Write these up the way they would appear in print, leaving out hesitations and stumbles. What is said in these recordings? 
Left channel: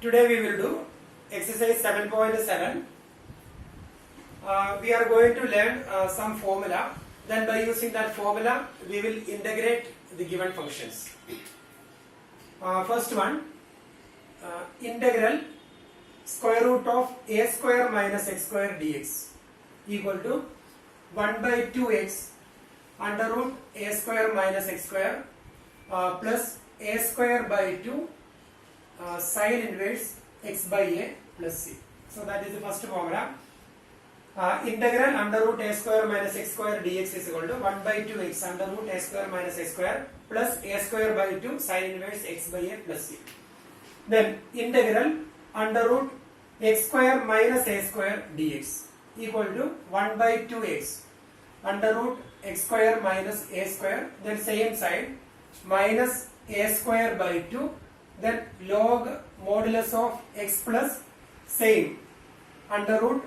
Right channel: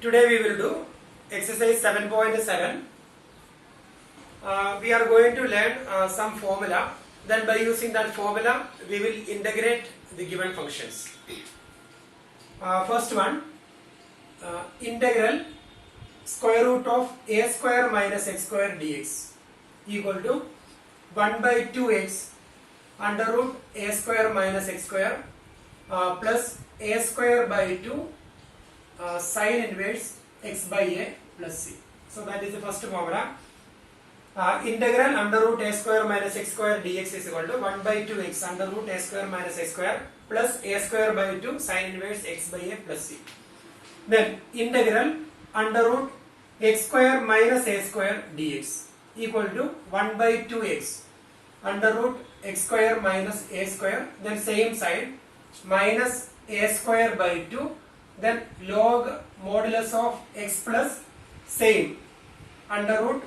Today we will do exercise 7.7. We are going to learn some formula. Then by using that formula, we will integrate the given functions. First one, integral square root of a square minus x square dx equal to 1 by 2x under root a square minus x square plus a square by 2 sine inverse x by a plus c. So that is the first formula. Integral under root a square minus x square dx is equal to 1 by 2x under root a square minus x square plus a square by 2 sine inverse x by a plus c. Then integral under root x square minus a square dx equal to 1 by 2x under root x square minus a square, then same side, minus a square by 2, then log modulus of x plus same under root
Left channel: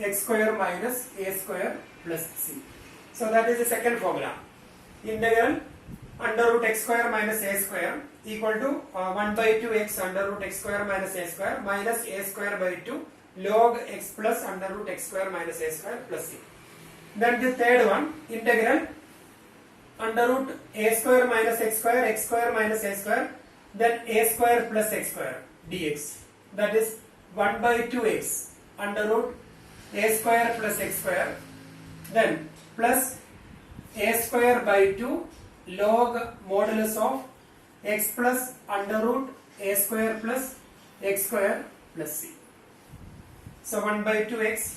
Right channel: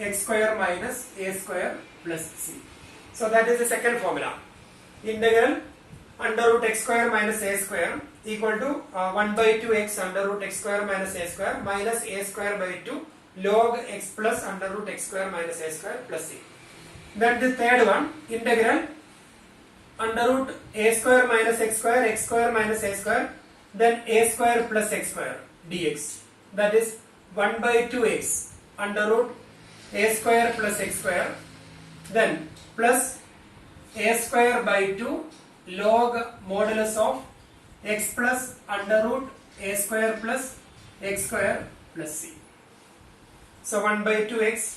x square minus a square plus c. So that is the second formula. Integral under root x square minus a square equal to 1 by 2x under root x square minus a square minus a square by 2 log x plus under root x square minus a square plus c. Then the third one, integral under root a square minus x square minus a square, then a square plus x square dx, that is 1 by 2x under root a square plus x square, then plus a square by 2 log modulus of x plus under root a square plus x square plus c. So 1 by 2x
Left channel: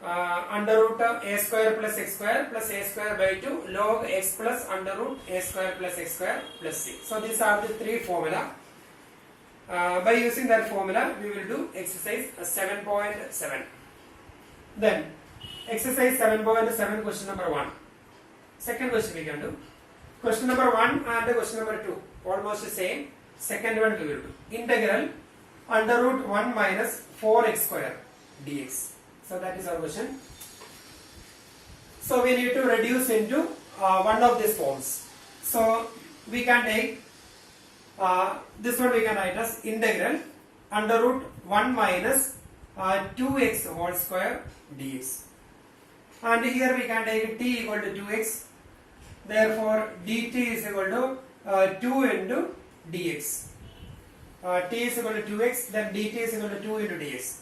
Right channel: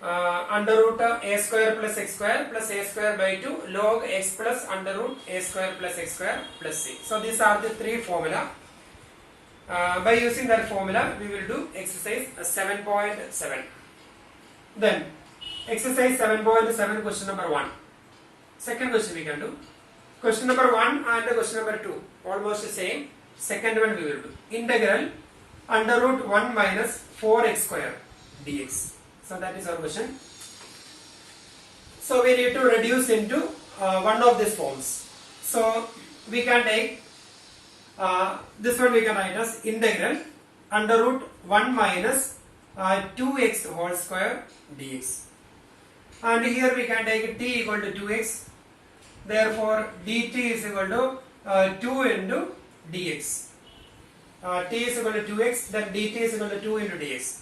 under root a square plus x square plus a square by 2 log x plus under root a square plus x square plus c. So these are the three formula. By using that formula, we will do exercise 7.7. Then exercise 7.7 question number 1. Second question we can do. Question number 1 and question number 2 almost the same. Second one we will do. Integral under root 1 minus 4x square dx. So that is our question. So we need to reduce into one of these forms. So we can take this one, we can write as integral under root 1 minus 2x whole square dx. And here we can take t equal to 2x. Therefore dt is equal to 2 into dx. T is equal to 2x, then dt is equal to 2 into dx.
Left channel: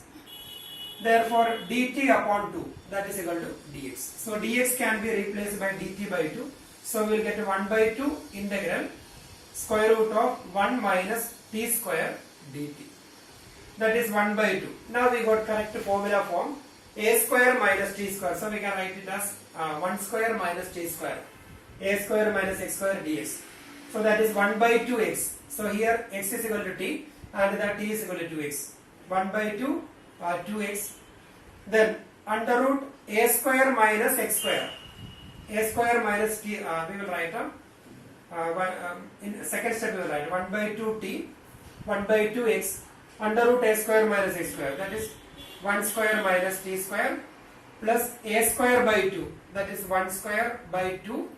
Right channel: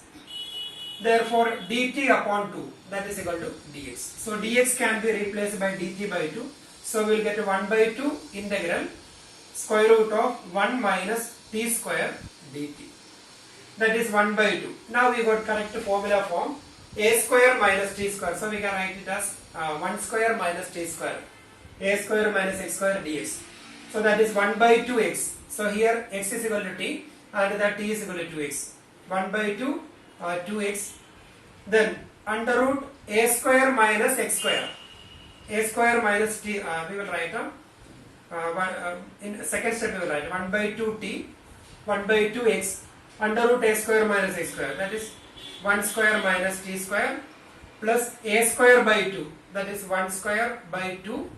Therefore dt upon 2, that is equal to dx. So dx can be replaced by dt by 2. So we will get 1 by 2 integral square root of 1 minus t square dt. That is 1 by 2. Now we got correct formula form. A square minus t square. So we can write it as 1 square minus t square. A square minus x square dx. So that is 1 by 2x. So here x is equal to t and that t is equal to 2x. 1 by 2 2x. Then under root a square minus x square. A square minus t, we will write in second step we will write 1 by 2t, 1 by 2x under root a square minus x square, that is 1 square minus t square plus a square by 2, that is 1 square by 2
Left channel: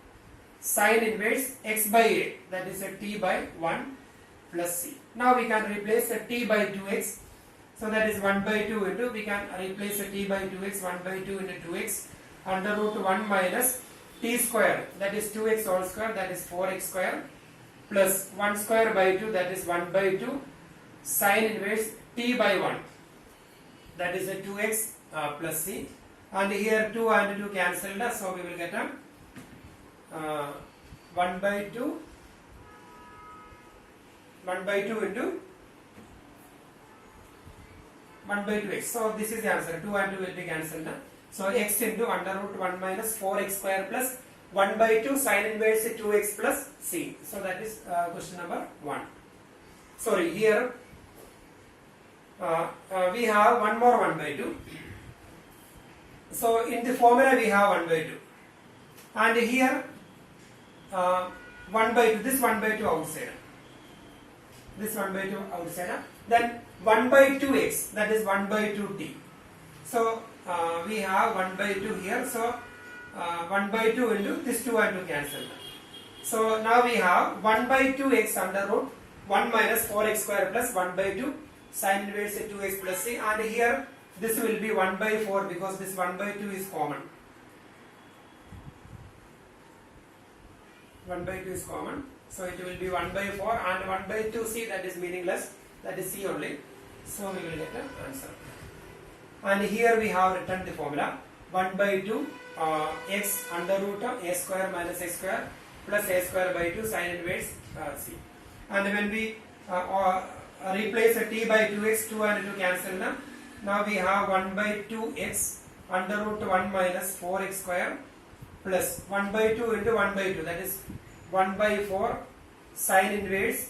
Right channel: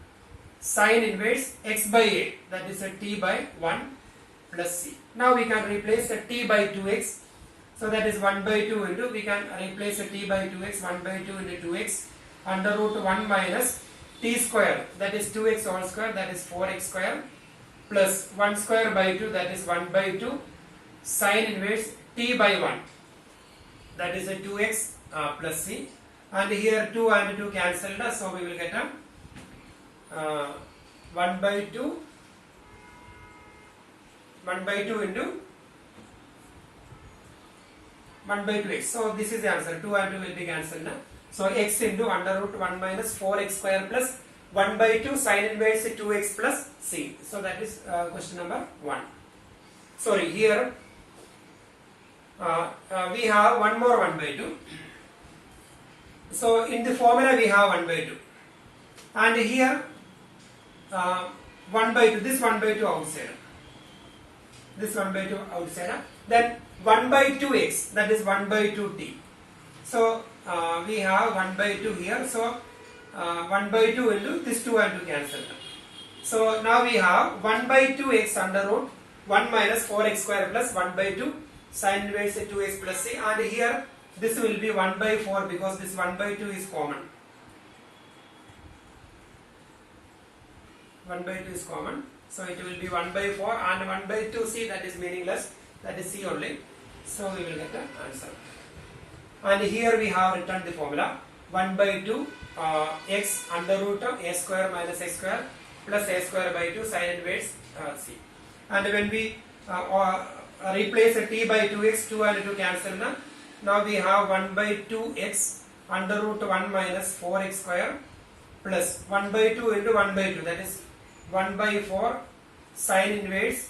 sine inverse x by a, that is a t by 1 plus c. Now we can replace a t by 2x. So that is 1 by 2 into, we can replace a t by 2x, 1 by 2 into 2x under root 1 minus t square, that is 2x whole square, that is 4x square plus 1 square by 2, that is 1 by 2 sine inverse t by 1, that is a 2x plus c. And here 2 and 2 cancelled, so we will get a 1 by 2 into 1 by 2x. So this is the answer. 2 and 2 will be cancelled. So x into under root 1 minus 4x square plus 1 by 2 sine inverse 2x plus c. So that is question number 1. Sorry, here we have one more 1 by 2. So in the formula we have 1 by 2. And here 1 by 2, this 1 by 2 outside. This 1 by 2 outside. Then 1 by 2x, that is 1 by 2t. So we have 1 by 2 here. So 1 by 2 into this 2 and 2 cancel. So now we have 1 by 2x under root 1 minus 4x square plus 1 by 2 sin inverse 2x plus c, and here this will be 1 by 4 because this 1 by 2 is common. 1 by 2 is common, so it will be 1 by 4 and 1 by 2 c, that is meaningless, that is c only, so we will get the answer. And here we have written the formula 1 by 2 x under root of a square minus x square plus a square by 2 sin inverse c. And when we replace a t by 2x, 2 and 2 cancel now. Now we have 1 by 2x under root 1 minus 4x square plus 1 by 2 into 1 by 2, that is 1 by 4 sin inverse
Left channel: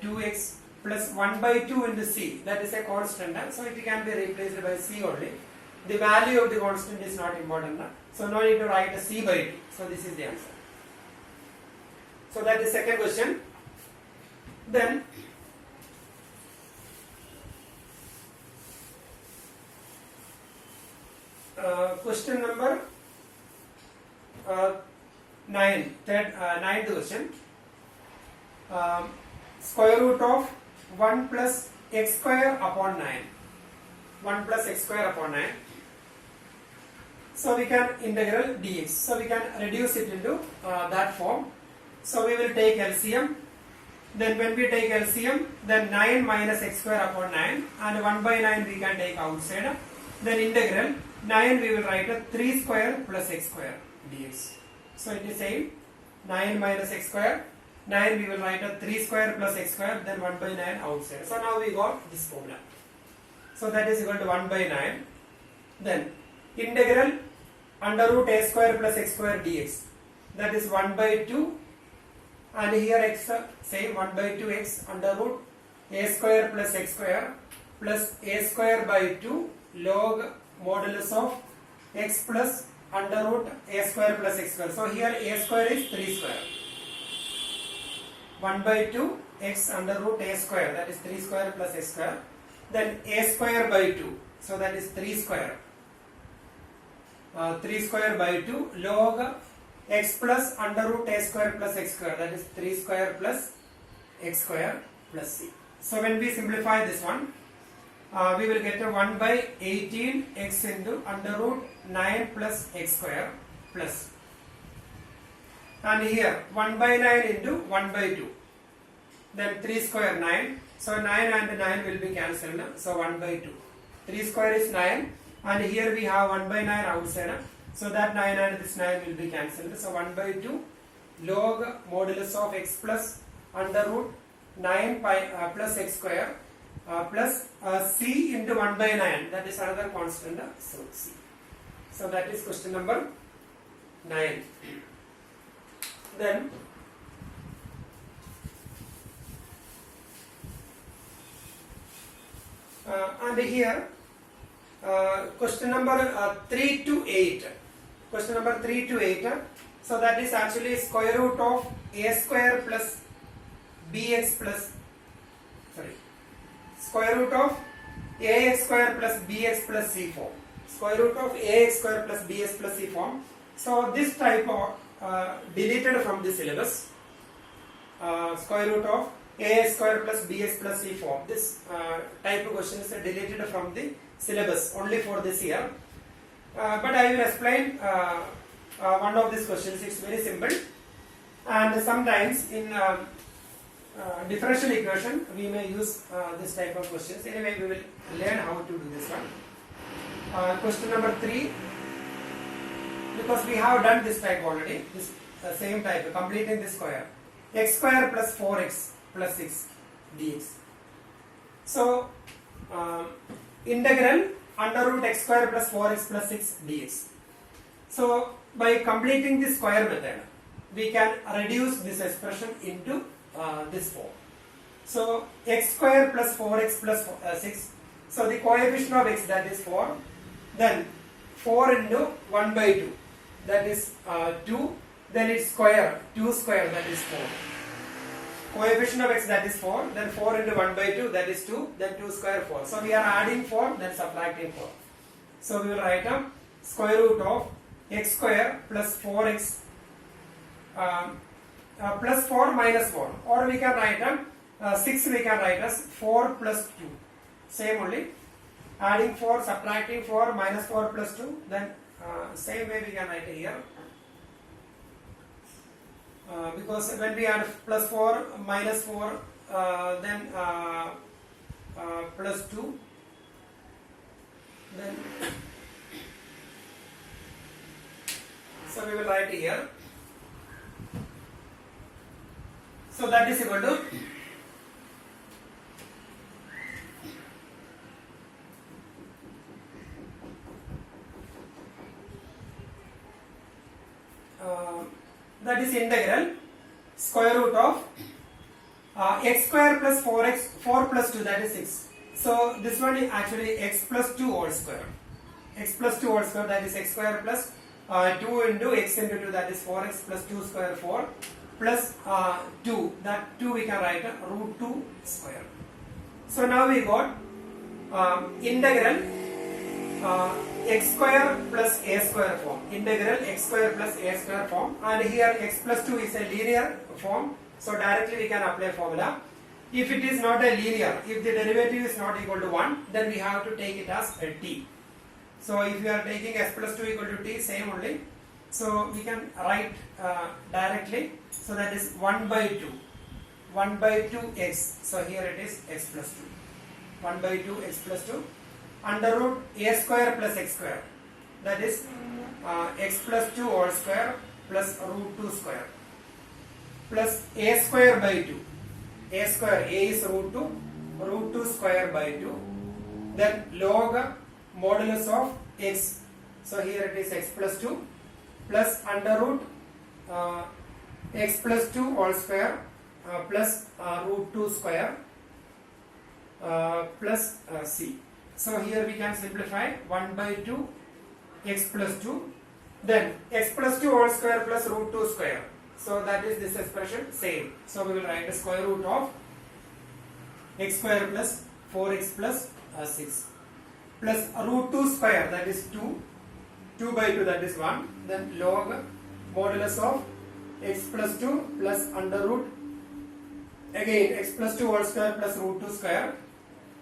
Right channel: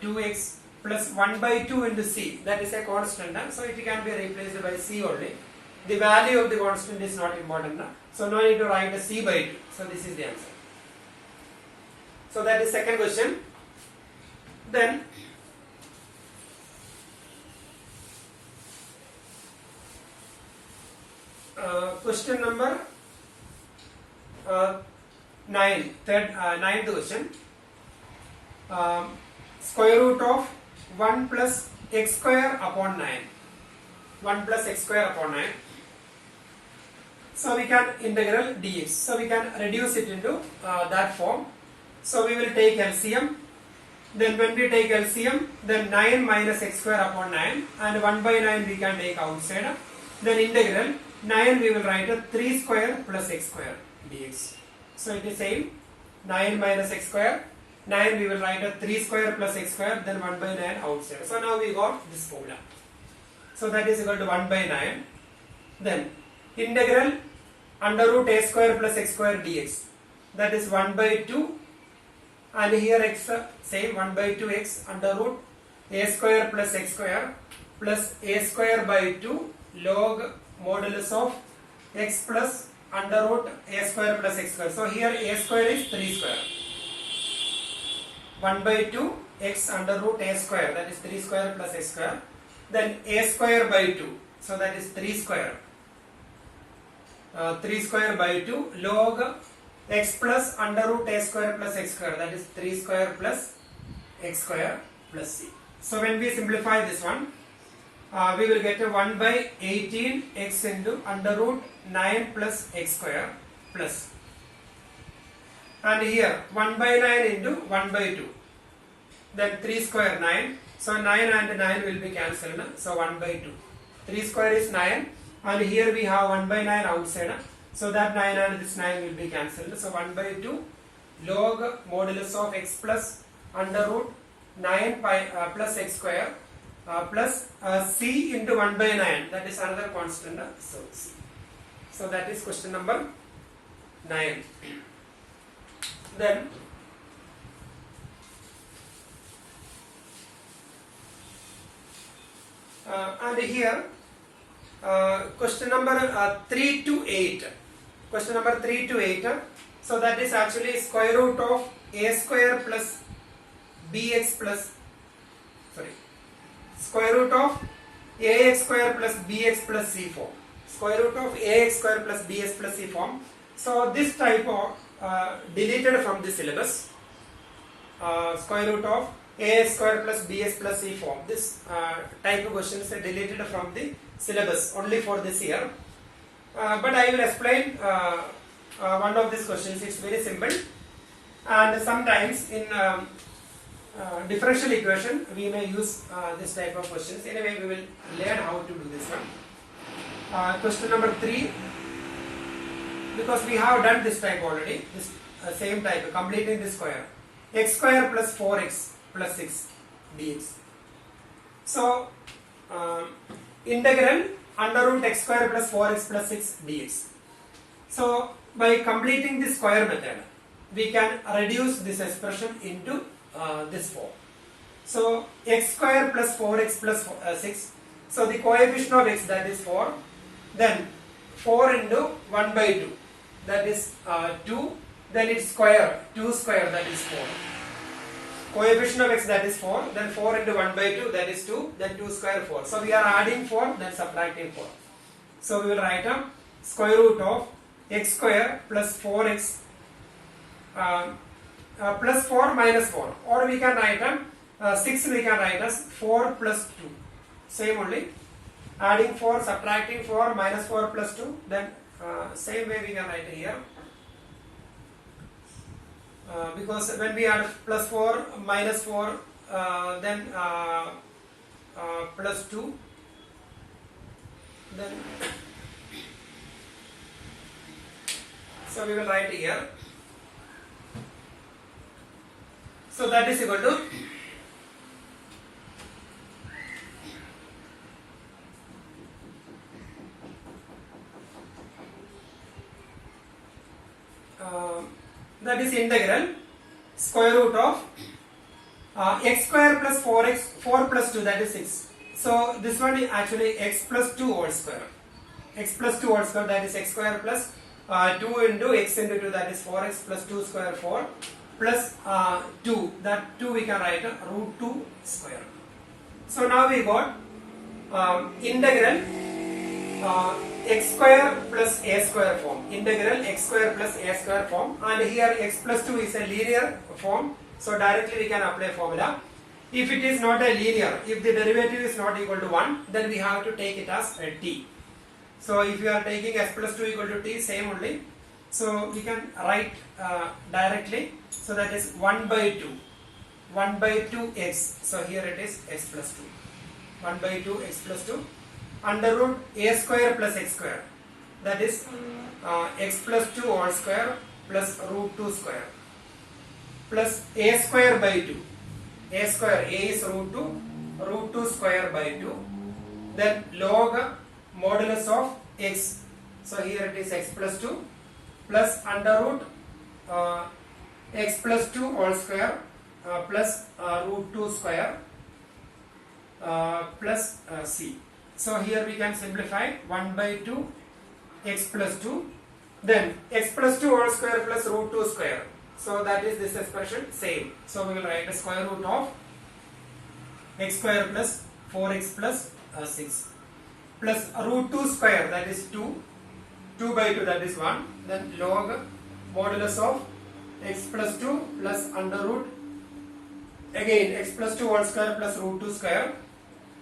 2x plus 1 by 2 into c, that is a constant, so it can be replaced by c only. The value of the constant is not important, so no need to write a c by 2, so this is the answer. So that is second question. Then question number 9th question. Square root of 1 plus x square upon 9. 1 plus x square upon 9. So we can integral dx. So we can reduce it into that form. So we will take LCM. Then when we take LCM, then 9 minus x square upon 9 and 1 by 9 we can take outside. Then integral 9 we will write a 3 square plus x square dx. So it is same, 9 minus x square, 9 we will write a 3 square plus x square, then 1 by 9 outside. So now we got this formula. So that is equal to 1 by 9. Then integral under root a square plus x square dx, that is 1 by 2, and here x same 1 by 2x under root a square plus x square plus a square by 2 log modulus of x plus under root a square plus x square. So here a square is 3 square. 1 by 2 x under root a square, that is 3 square plus x square. Then a square by 2, so that is 3 square. 3 square by 2 log x plus under root a square plus x square, that is 3 square plus x square plus c. So when we simplify this one, we will get a 1 by 18 x into under root 9 plus x square plus, and here 1 by 9 into 1 by 2, then 3 square 9, so 9 and 9 will be cancelled, so 1 by 2, 3 square is 9, and here we have 1 by 9 outside, so that 9 and this 9 will be cancelled, so 1 by 2 log modulus of x plus under root 9 pi plus x square plus c into 1 by 9, that is another constant, so c. So that is question number 9. Then and here question number 3 to 8. Question number 3 to 8. So that is actually square root of a square plus bx plus, sorry, square root of ax square plus bx plus c form. Square root of ax square plus bx plus c form. So this type of deleted from the syllabus. Square root of ax square plus bx plus c form. This type of questions are deleted from the syllabus only for this year. But I will explain one of these questions. It's very simple, and sometimes in differential equation we may use this type of questions. Anyway, we will learn how to do this one. Question number 3, because we have done this type already, this same type, completing the square, x square plus 4x plus 6 dx. So integral under root x square plus 4x plus 6 dx. So by completing the square method, we can reduce this expression into this form. So x square plus 4x plus 6. So the coefficient of x, that is 4. Then 4 into 1 by 2, that is 2. Then its square, 2 square, that is 4. Coefficient of x, that is 4. Then 4 into 1 by 2, that is 2. Then 2 square 4. So we are adding 4, then subtracting 4. So we will write down square root of x square plus 4x plus 4 minus 4. Or we can write down 6 we can write as 4 plus 2. Same only. Adding 4, subtracting 4, minus 4 plus 2. Then same way we can write here. Because when we add plus 4, minus 4, then plus 2, then so we will write here. So that is equal to that is integral square root of x square plus 4 plus 2, that is 6. So this one is actually x plus 2 whole square. X plus 2 whole square, that is x square plus 2 into x into 2, that is 4x plus 2 square 4 plus 2, that 2 we can write root 2 square. So now we got integral x square plus a square form, integral x square plus a square form, and here x plus 2 is a linear form, so directly we can apply formula. If it is not a linear, if the derivative is not equal to 1, then we have to take it as a t. So if you are taking s plus 2 equal to t, same only. So we can write directly. So that is 1 by 2. 1 by 2x. So here it is x plus 2. 1 by 2 x plus 2. Under root a square plus x square. That is x plus 2 whole square plus root 2 square. Plus a square by 2. A square, a is root 2 square by 2. Then log modulus of x. So here it is x plus 2 plus under root x plus 2 whole square plus root 2 square plus c. So here we can simplify 1 by 2 x plus 2, then x plus 2 whole square plus root 2 square. So that is this expression same. So we will write the square root of x square plus 4x plus 6 plus root 2 square, that is 2. 2 by 2, that is 1. Then log modulus of x plus 2 plus under root again x plus 2 whole square plus root 2 square,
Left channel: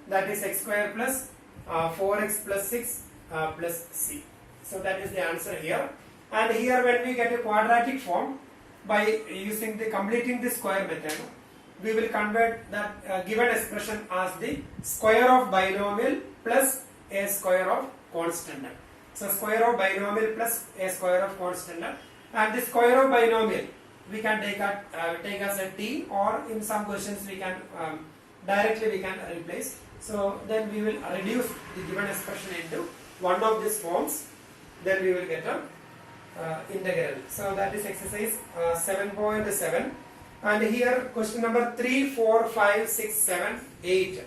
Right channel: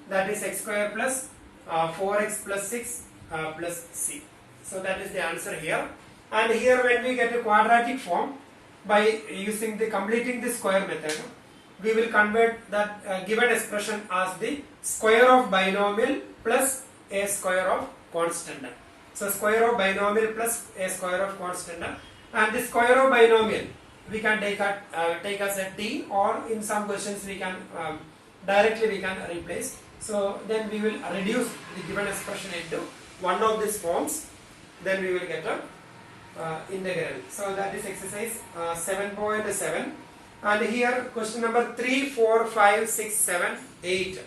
that is x square plus 4x plus 6 plus c. So that is the answer here. And here when we get a quadratic form, by using the completing the square method, we will convert that given expression as the square of binomial plus a square of constant. So square of binomial plus a square of constant, and the square of binomial we can take as a t, or in some questions we can directly we can replace. So then we will reduce the given expression into one of these forms, then we will get a integral. So that is exercise 7.7, and here question number 3, 4, 5, 6, 7, 8.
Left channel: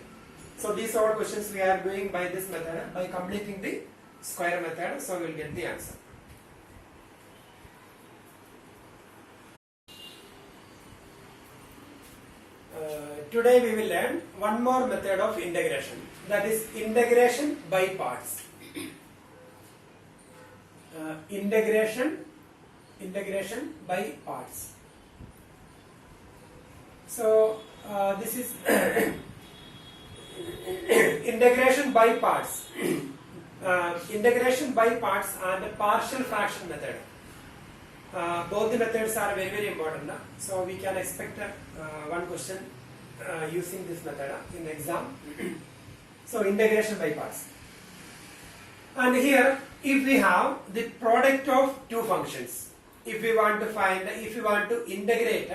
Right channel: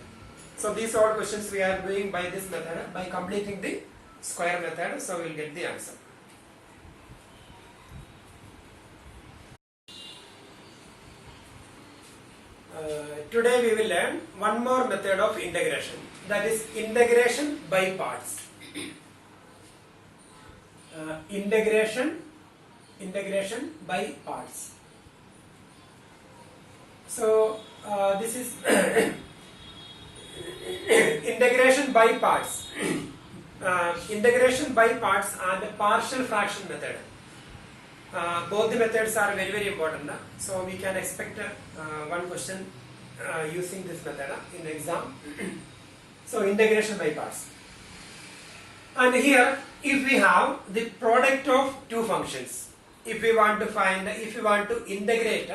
So these are questions we are doing by this method, by completing the square method. So we will get the answer. Today we will learn one more method of integration, that is integration by parts. Integration by parts. So this is integration by parts. Integration by parts and the partial fraction method. Both the methods are very, very important. So we can expect one question using this method in the exam. So integration by parts. And here, if we have the product of two functions, if we want to integrate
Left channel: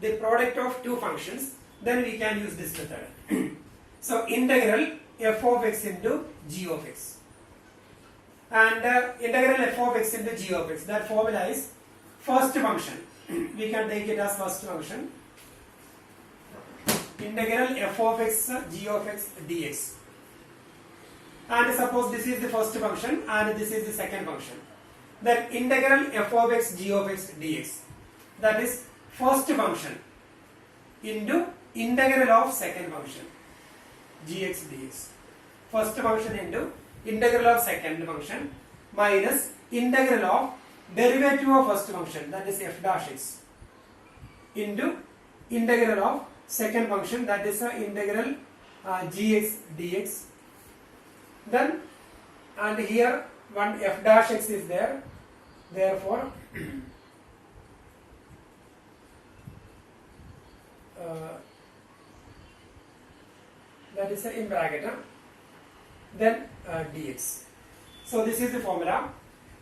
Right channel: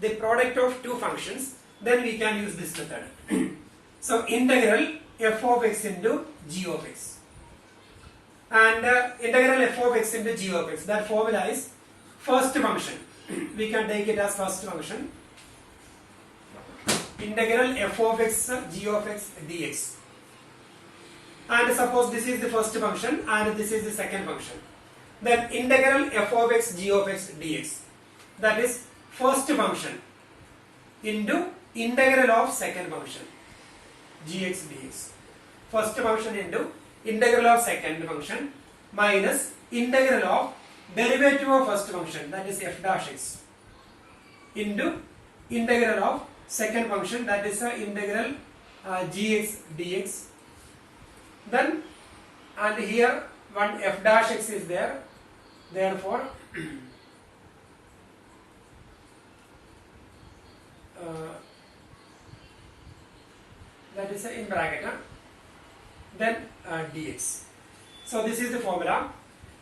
the product of two functions, then we can use this method. So integral f of x into g of x, and integral f of x into g of x, that formula is first function. We can take it as first function. Integral f of x g of x dx. And suppose this is the first function and this is the second function. Then integral f of x g of x dx. That is first function into integral of second function gx dx. First function into integral of second function minus integral of derivative of first function, that is f dash x, into integral of second function, that is integral gx dx. Then and here one f dash x is there, therefore that is in bracket, then dx. So this is the formula,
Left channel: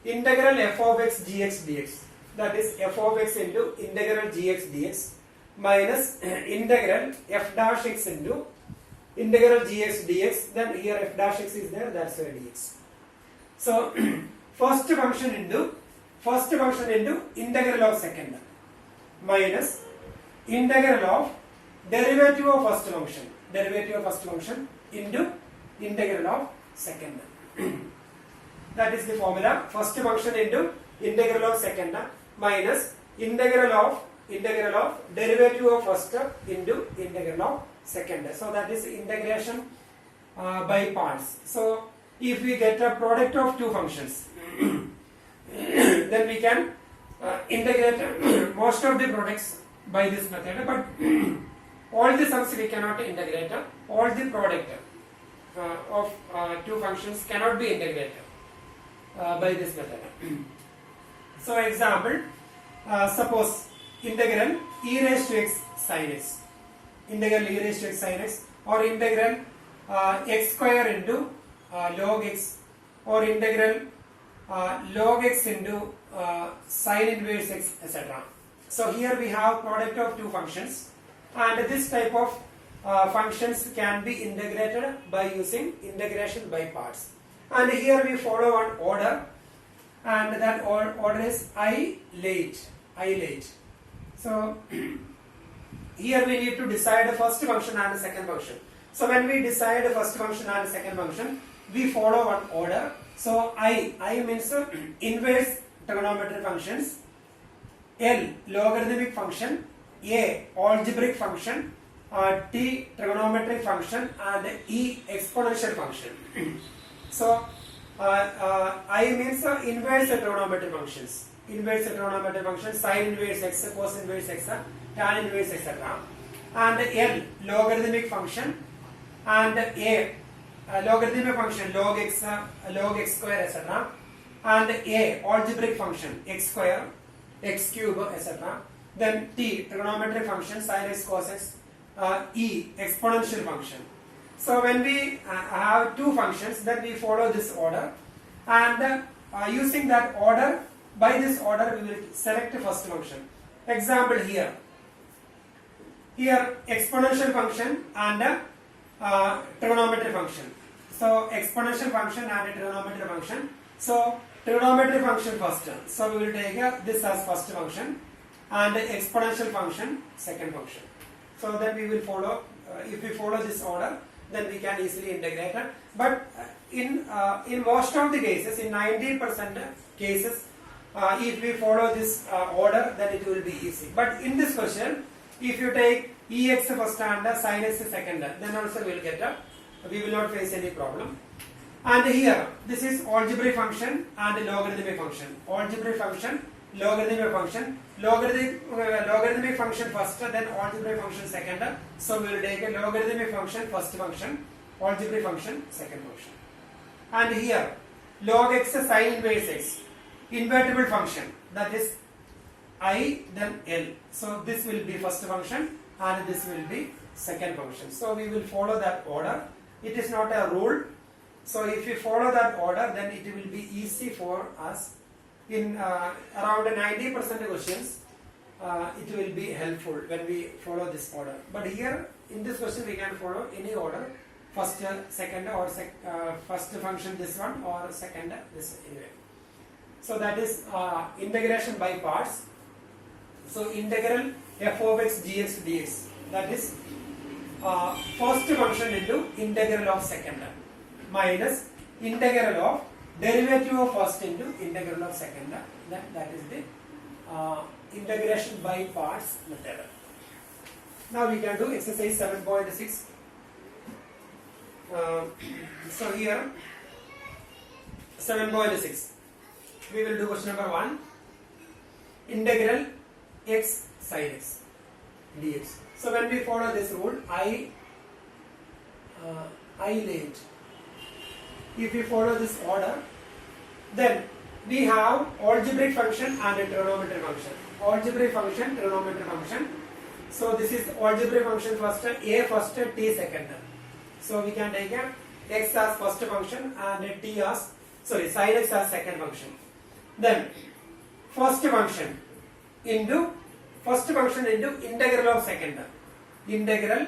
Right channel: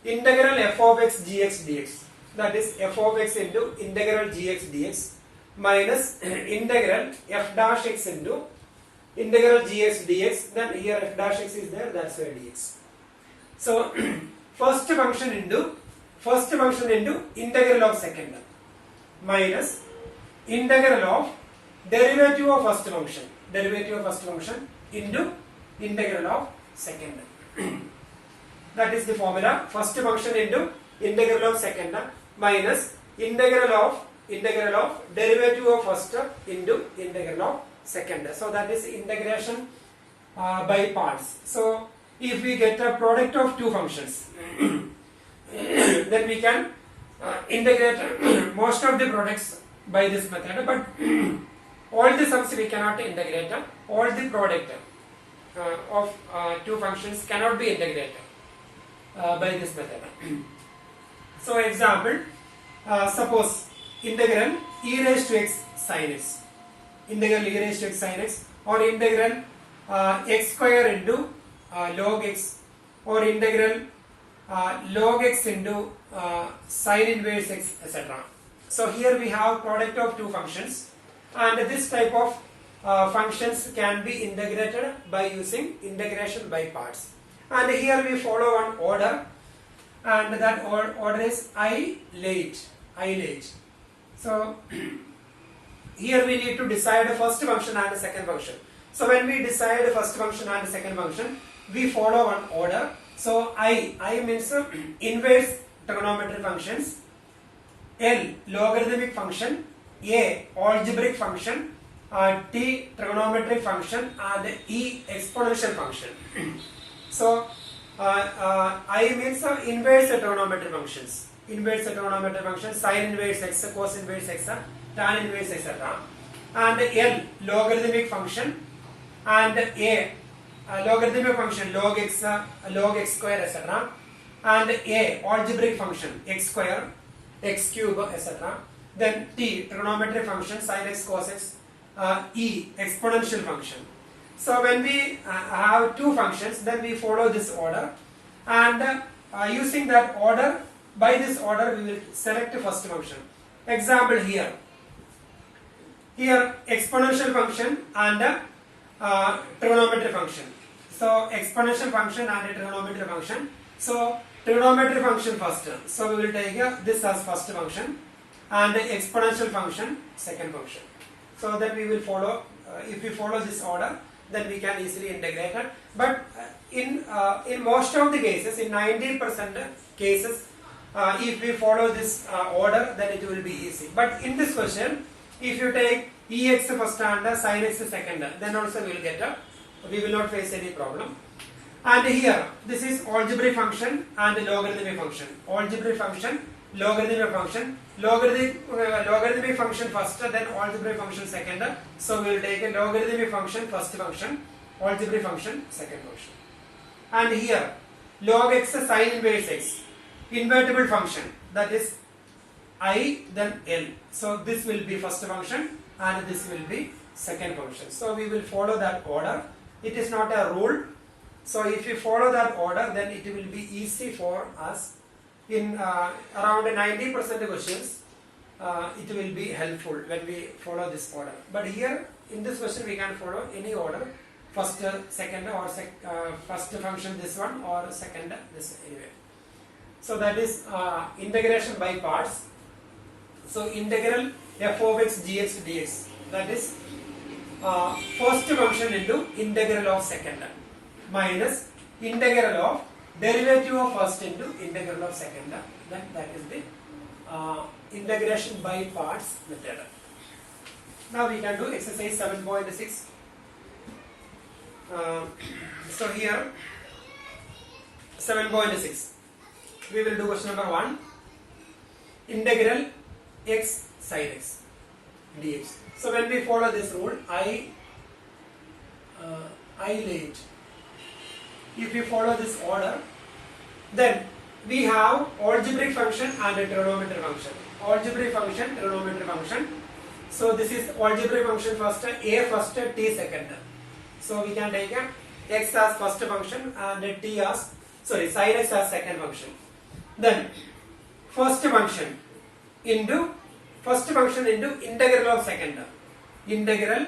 integral f of x gx dx, that is f of x into integral gx dx minus integral f dash x into integral gx dx, then here f dash x is there, that's why dx. So first function into integral of second minus integral of derivative of first function into integral of second. That is the formula, first function into integral of second minus integral of derivative of first into integral of second. So that is integration by parts. So if we get a product of two functions, then we can integrate most of the products by this method, but all the sums we cannot integrate. All the product of two functions cannot be integrated by this method. So example, suppose integral e raised to x sin x, integral e raised to x sin x, or integral x square into log x, or integral log x into sin inverse x, etc. So here we have product of two functions, and this type of functions can be integrated by using integration by parts. And here we follow one order, and that order is I late. So here we need to decide the first function and the second function. So when we decide the first function and the second function, we follow one order. So I means inverse trigonometric functions, L logarithmic function, A algebraic function, T trigonometric function, and E exponential function. So I means inverse trigonometric functions, sin inverse x, cos inverse x, tan inverse, etc. And L logarithmic function, and A logarithmic function log x square, etc. And A algebraic function x square, x cube, etc. Then T trigonometric function sin x, cos x, E exponential function. So when we have two functions, then we follow this order, and using that order, by this order we will select the first function. Example here exponential function and trigonometric function. So exponential function and trigonometric function. So trigonometric function first. So we will take this as first function, and exponential function second function. So then we will follow. If we follow this order, then we can easily integrate it. But in most of the cases, in 90% cases, if we follow this order, then it will be easy. But in this question, if you take ex first and sin x second, then also we will not face any problem. And here, this is algebraic function and logarithmic function. Algebraic function, logarithmic function. Logarithmic function first, then algebraic function second. So we will take a logarithmic function first function, algebraic function second function. And here, log x sin inverse x, invertible function, that is I then L. So this will be first function and this will be second function. So we will follow that order. It is not a rule. So if we follow that order, then it will be easy for us. In around 90% questions, it will be helpful when we follow this order. But here in this question we can follow any order, first, second, or first function this one, or second this anyway. So that is integration by parts. So integral f of x gx dx, that is first function into integral of second, minus integral of derivative of first into integral of second. That is the integration by parts method. Now we can do exercise 7.6. So here 7.6, we will do question number 1, integral x sin x dx. So when we follow this rule, I late. If you follow this order, then we have algebraic function and a trigonometric function. Algebraic function, trigonometric function. So this is algebraic function first, a first, t second. So we can take a x as first function and t as sin x as second function. Then first function into integral of second, integral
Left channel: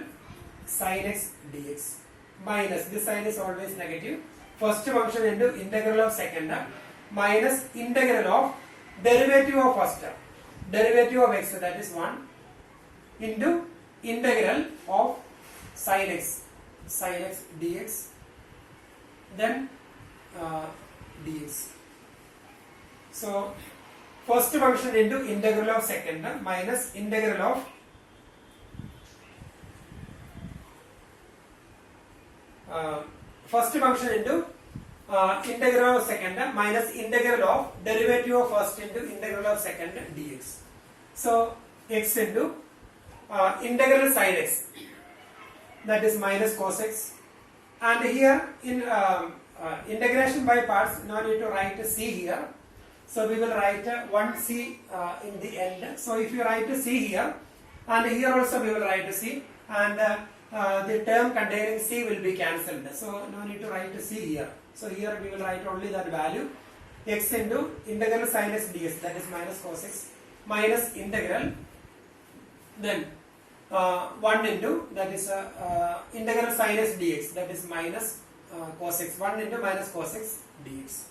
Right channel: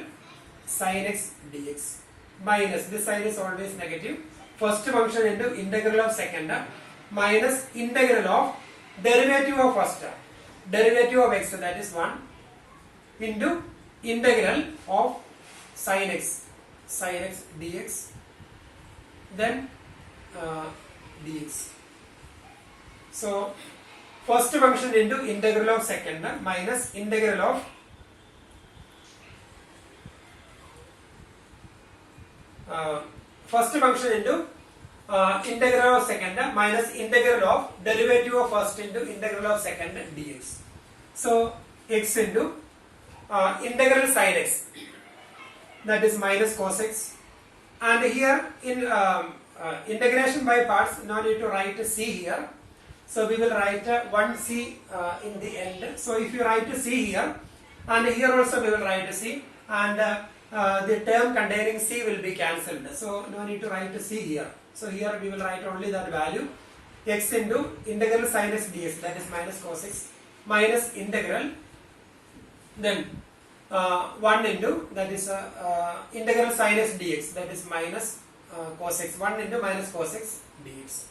sin x dx minus, this sign is always negative, first function into integral of second minus integral of derivative of first, derivative of x, that is 1, into integral of sin x dx, then dx. So first function into integral of second minus integral of first function into integral of second minus integral of derivative of first into integral of second dx. So x into integral sin x, that is minus cos x, and here in integration by parts, now need to write c here. So we will write 1c in the end. So if you write c here, and here also we will write c, and the term containing c will be cancelled. So no need to write c here. So here we will write only that value, x into integral sin x dx, that is minus cos x, minus integral, then 1 into, that is integral sin x dx, that is minus cos x, 1 into minus cos x dx.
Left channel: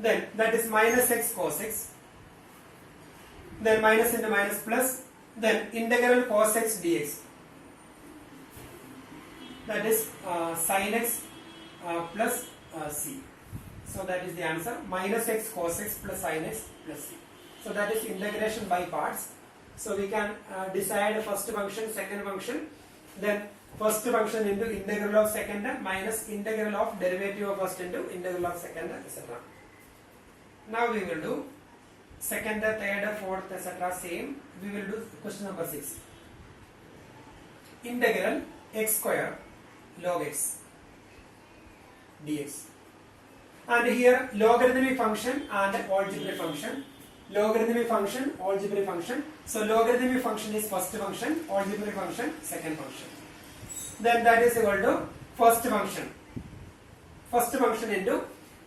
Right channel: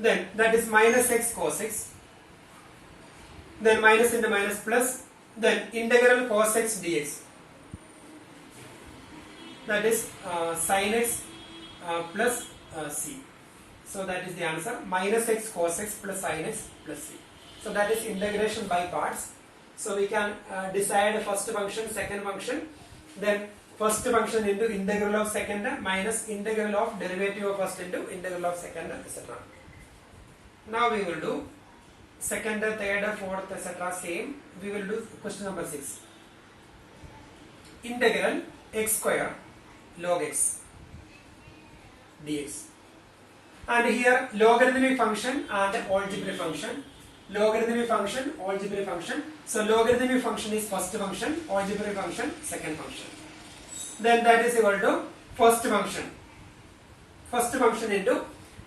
Then that is minus x cos x, then minus into minus plus, then integral cos x dx, that is sin x plus c. So that is the answer, minus x cos x plus sin x plus c. So that is integration by parts. So we can decide first function, second function, then first function into integral of second minus integral of derivative of first into integral of second, etc. Now we will do second, third, fourth, etc. same. We will do question number 6. Integral x square log x dx. And here logarithmic function and algebraic function. Logarithmic function, algebraic function. So logarithmic function is first function, algebraic function second function. Then that is equal to first function. First function into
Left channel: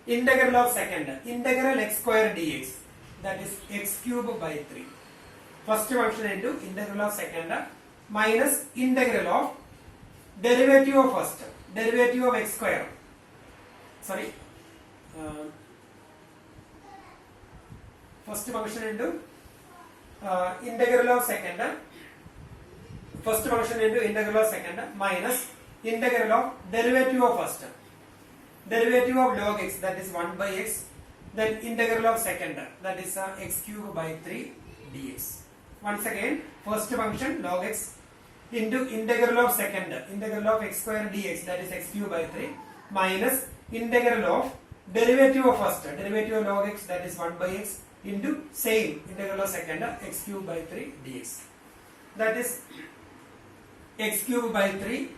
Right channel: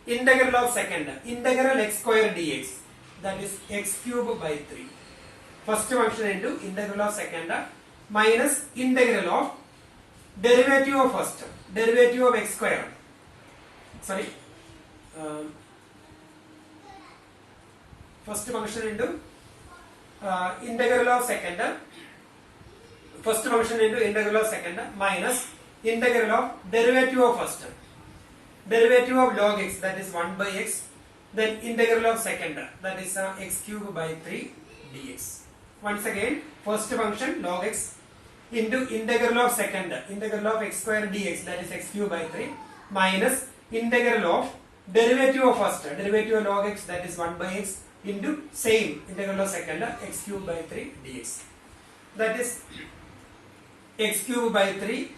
integral of second, integral x square dx, that is x cube by 3. First function into integral of second minus integral of derivative of first, derivative of x square. Sorry. First function into integral of second, first function into integral of second minus integral of derivative of first, derivative of log x, that is 1 by x, then integral of second, that is x cube by 3 dx. Once again, first function log x into integral of second, integral of x square dx, that is x cube by 3 minus integral of derivative of first, derivative of log x, that is 1 by x, into same integral of second, x cube by 3 dx. That is x cube by 3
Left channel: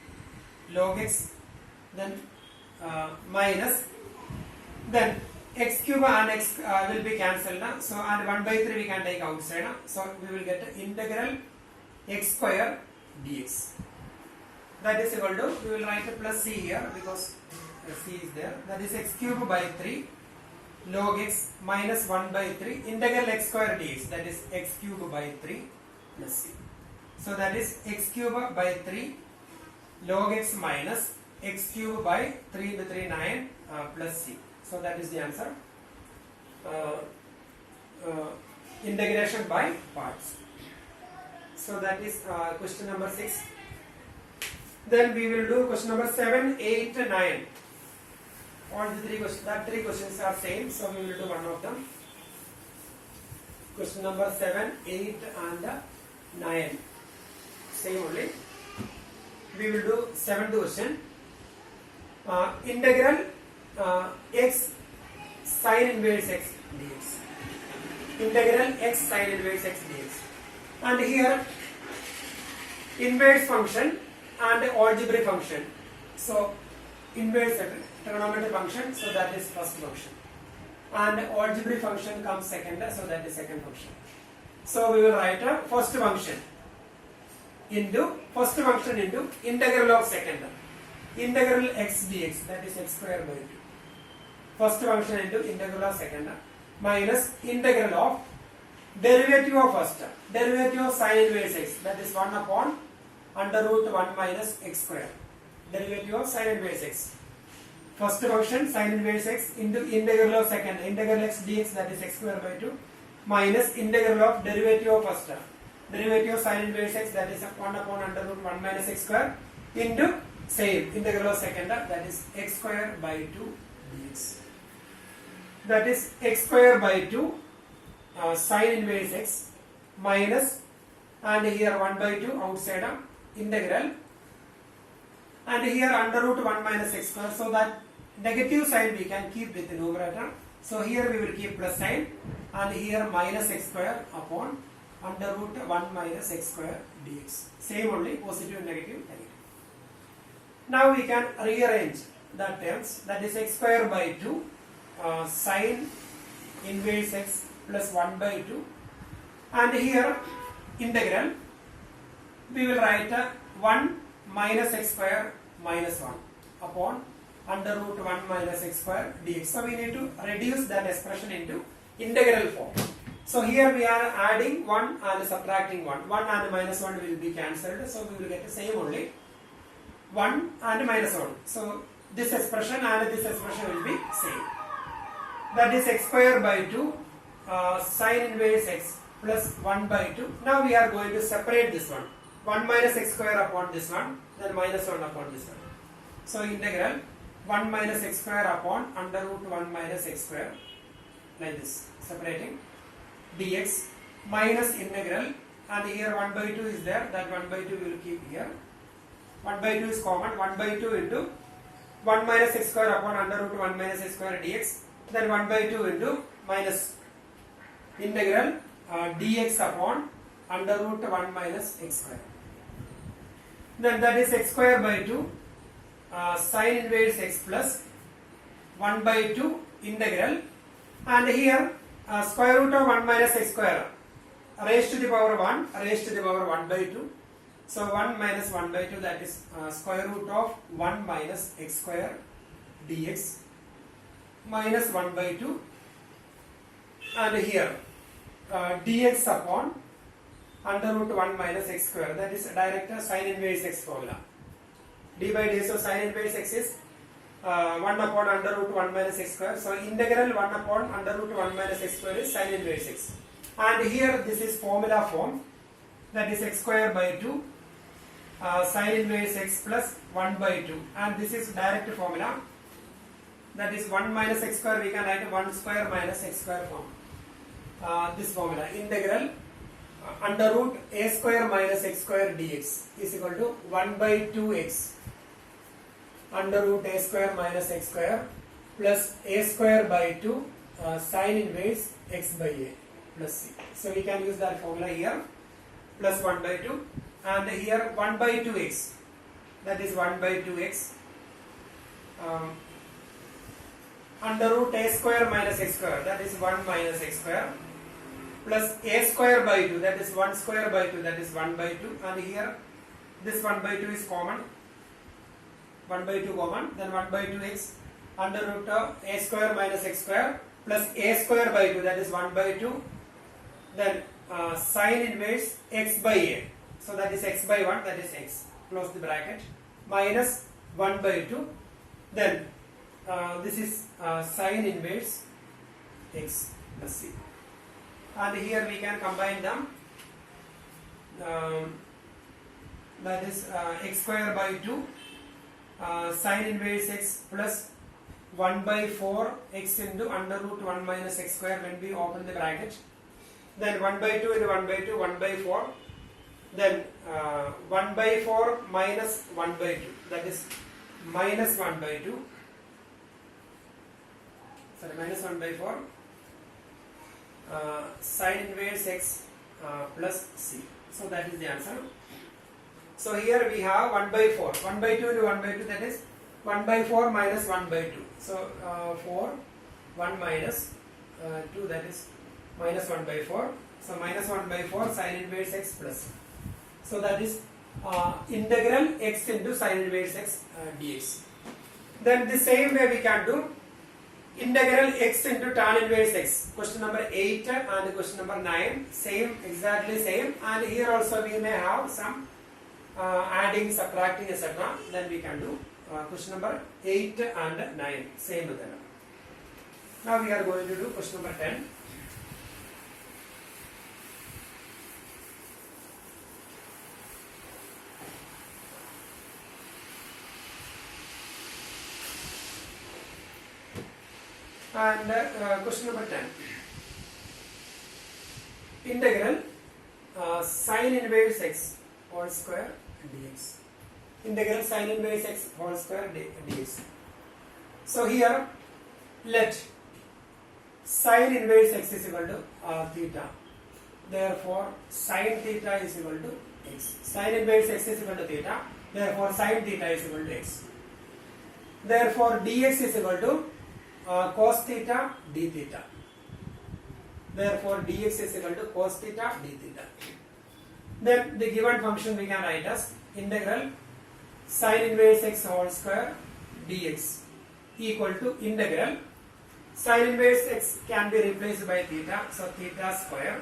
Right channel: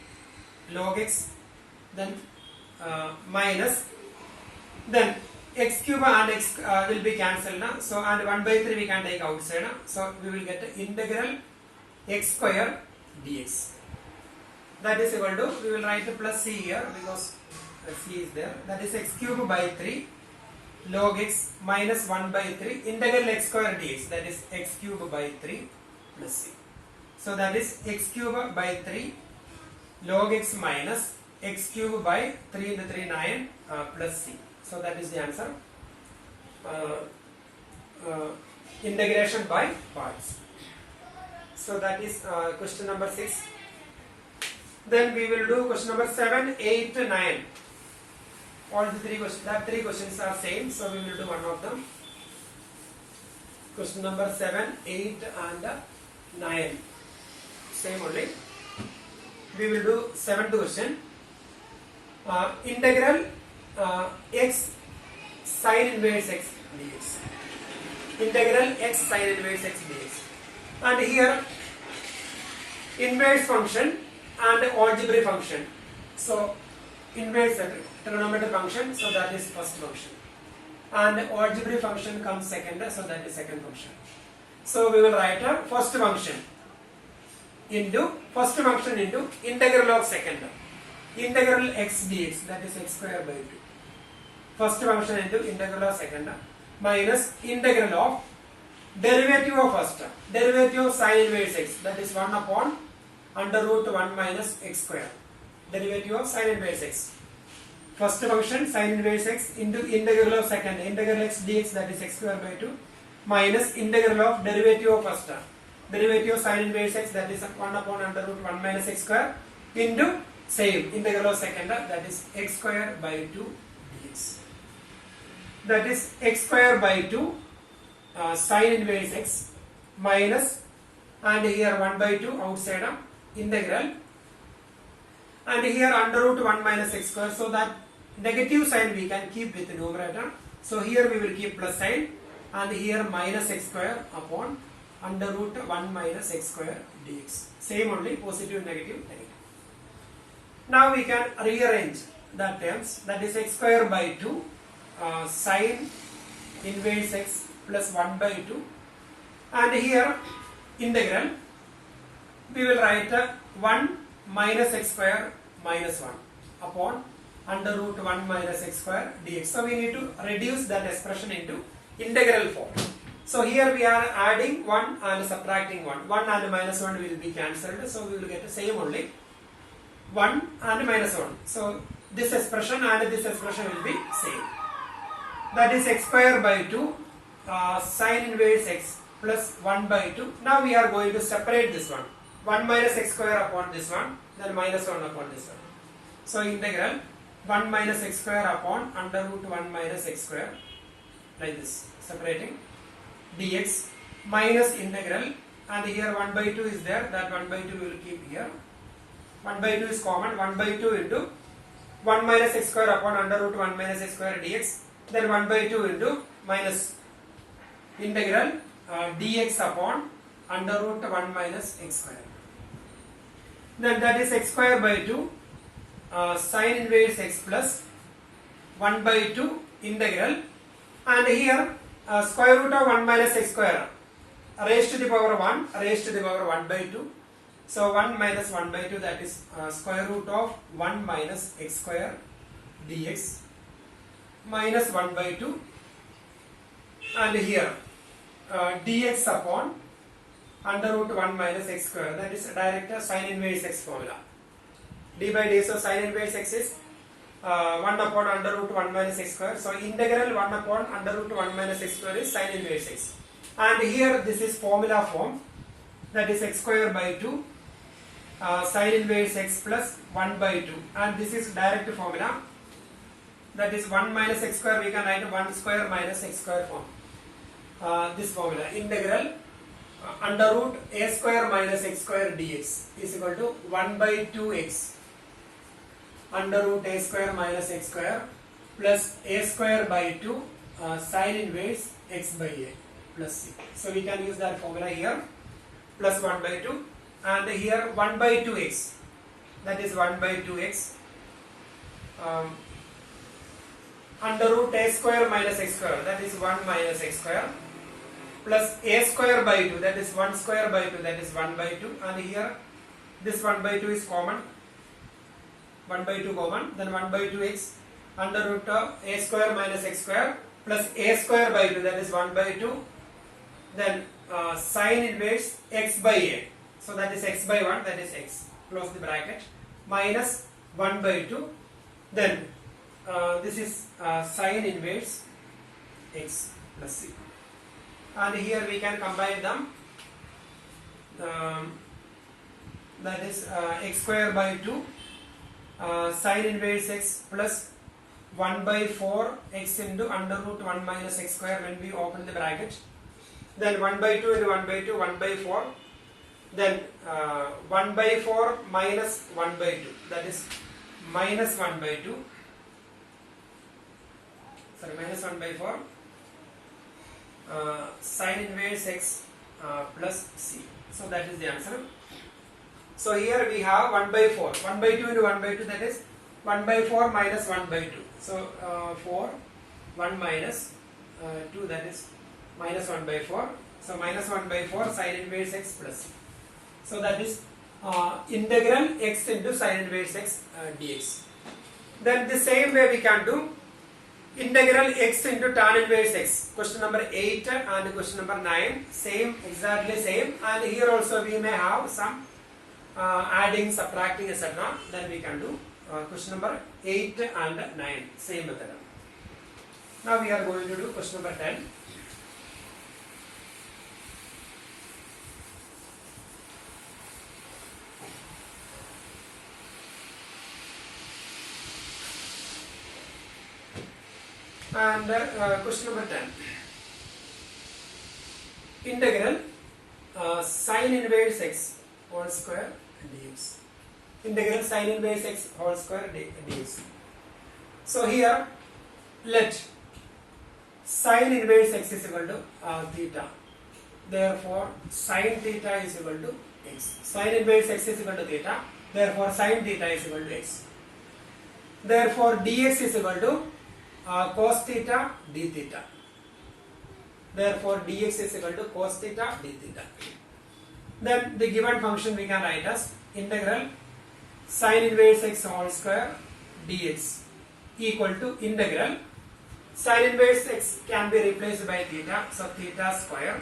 log x, then minus, then x cube and x will be cancelled now. So and 1 by 3 we can take outside now. So we will get integral x square dx. That is equal to, we will write a plus c here because c is there. That is x cube by 3 log x minus 1 by 3 integral x square dx, that is x cube by 3 plus c. So that is x cube by 3 log x minus x cube by 3 into 3 9 plus c. So that is the answer. Integration by parts. So that is question number 6. Then we will do question number 7, 8, 9. All the three questions are same, so we will do one of them. Question number 7, 8 and 9. Same only. We will do 7th question. Integral x sin inverse x dx. Integral x sin inverse x dx. And here inverse function and algebraic function. So inverse trigonometric function, so that is first function, and algebraic function comes second, so that is second function. So we will write a first function into integral of second, integral x dx, that is x square by 2. First function into integral of second minus integral of derivative of first, derivative of sin inverse x, that is 1 upon under root 1 minus x square, derivative of sin inverse x. First function sin inverse x into integral of second, integral x dx, that is x square by 2 minus integral of derivative of first, derivative of sin inverse x, that is 1 upon under root 1 minus x square into same integral of second, that is x square by 2 dx. That is x square by 2 sin inverse x minus, and here 1 by 2 outside of integral, and here under root 1 minus x square, so that negative sign we can keep with the numerator. So here we will keep plus sign, and here minus x square upon under root 1 minus x square dx. Same only, positive, negative, negative. Now we can rearrange the terms, that is x square by 2 sin inverse x plus 1 by 2, and here integral we will write 1 minus x square minus 1 upon under root 1 minus x square dx. So we need to reduce that expression into integral form. So here we are adding 1 and subtracting 1. 1 and minus 1 will be cancelled, so we will get the same only 1 and minus 1. So this expression and this expression will be same. That is x square by 2 sin inverse x plus 1 by 2. Now we are going to separate this one. 1 minus x square upon this one, then minus 1 upon this one. So integral 1 minus x square upon under root 1 minus x square, like this, separating dx minus integral, and here 1 by 2 is there, that 1 by 2 we will keep here. 1 by 2 is common, 1 by 2 into 1 minus x square upon under root 1 minus x square dx, then 1 by 2 into minus integral dx upon under root 1 minus x square. Then that is x square by 2 sin inverse x plus 1 by 2 integral, and here square root of 1 minus x square raised to the power 1 raised to the power 1 by 2. So 1 minus 1 by 2, that is square root of 1 minus x square dx minus 1 by 2, and here dx upon under root 1 minus x square, that is direct sin inverse x formula. D by dx of sin inverse x is 1 upon under root 1 minus x square. So integral 1 upon under root 1 minus x square is sin inverse x. And here this is formula form, that is x square by 2 sin inverse x plus 1 by 2. And this is direct formula, that is 1 minus x square we can write 1 square minus x square form. This formula, integral under root a square minus x square dx is equal to 1 by 2x under root a square minus x square plus a square by 2 sin inverse x by a plus c. So we can use that formula here, plus 1 by 2, and here 1 by 2x, that is 1 by 2x under root a square minus x square, that is 1 minus x square, plus a square by 2, that is 1 square by 2, that is 1 by 2, and here this 1 by 2 is common, 1 by 2 common, then 1 by 2x under root of a square minus x square plus a square by 2, that is 1 by 2, then sin inverse x by a, so that is x by 1, that is x, close the bracket, minus 1 by 2, then this is sin inverse x plus c. And here we can combine them, that is x square by 2 sin inverse x plus 1 by 4 x into under root 1 minus x square when we open the bracket, then 1 by 2 into 1 by 2, 1 by 4, then 1 by 4 minus 1 by 2, that is minus 1 by 2, sorry, minus 1 by 4 sin inverse x plus c. So that is the answer. So here we have 1 by 4. 1 by 2 into 1 by 2, that is 1 by 4 minus 1 by 2. So 4, 1 minus 2, that is minus 1 by 4. So minus 1 by 4 sin inverse x plus. So that is integral x into sin inverse x dx. Then the same way we can do integral x into tan inverse x. Question number 8 and question number 9. Same, exactly same. And here also we may have some adding, subtracting, etc. Then we can do question number 8 and 9. Same method. Now we are going to do question number 10. And question number 10. Integral sin inverse x whole square dx. Integral sin inverse x whole square dx. So here let sin inverse x is equal to theta. Therefore sin theta is equal to x. Sin inverse x is equal to theta. Therefore sin theta is equal to x. Therefore dx is equal to cos theta d theta. Therefore dx is equal to cos theta d theta. Then the given function we can write as integral sin inverse x whole square dx equal to integral sin inverse x can be replaced by theta, so theta square.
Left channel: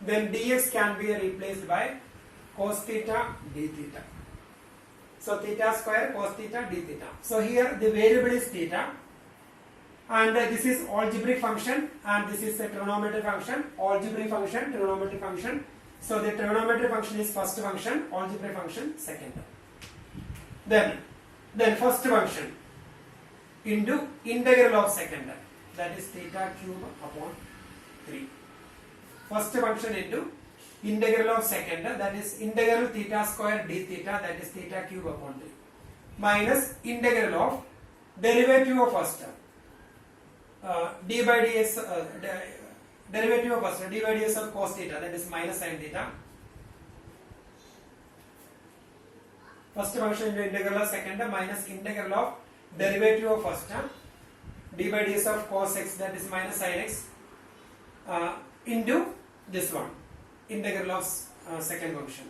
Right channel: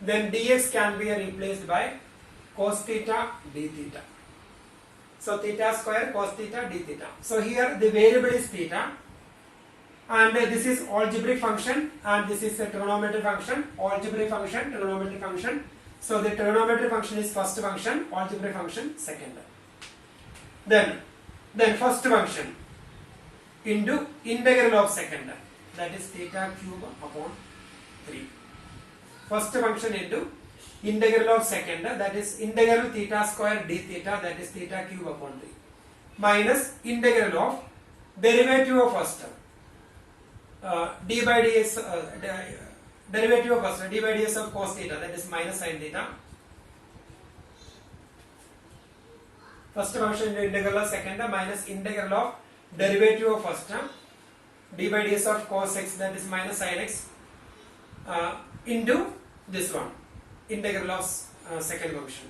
Then dx can be replaced by cos theta d theta. So theta square cos theta d theta. So here the variable is theta. And this is algebraic function and this is a trigonometric function. Algebraic function, trigonometric function. So the trigonometric function is first function, algebraic function second. Then first function into integral of second, that is theta cube upon 3. First function into integral of second, that is integral theta square d theta, that is theta cube upon 3, minus integral of derivative of first term. D by dx, derivative of first, d by dx of cos theta, that is minus sin theta. First function into integral of second minus integral of derivative of first term, d by dx of cos x, that is minus sin x, into this one, integral of second function,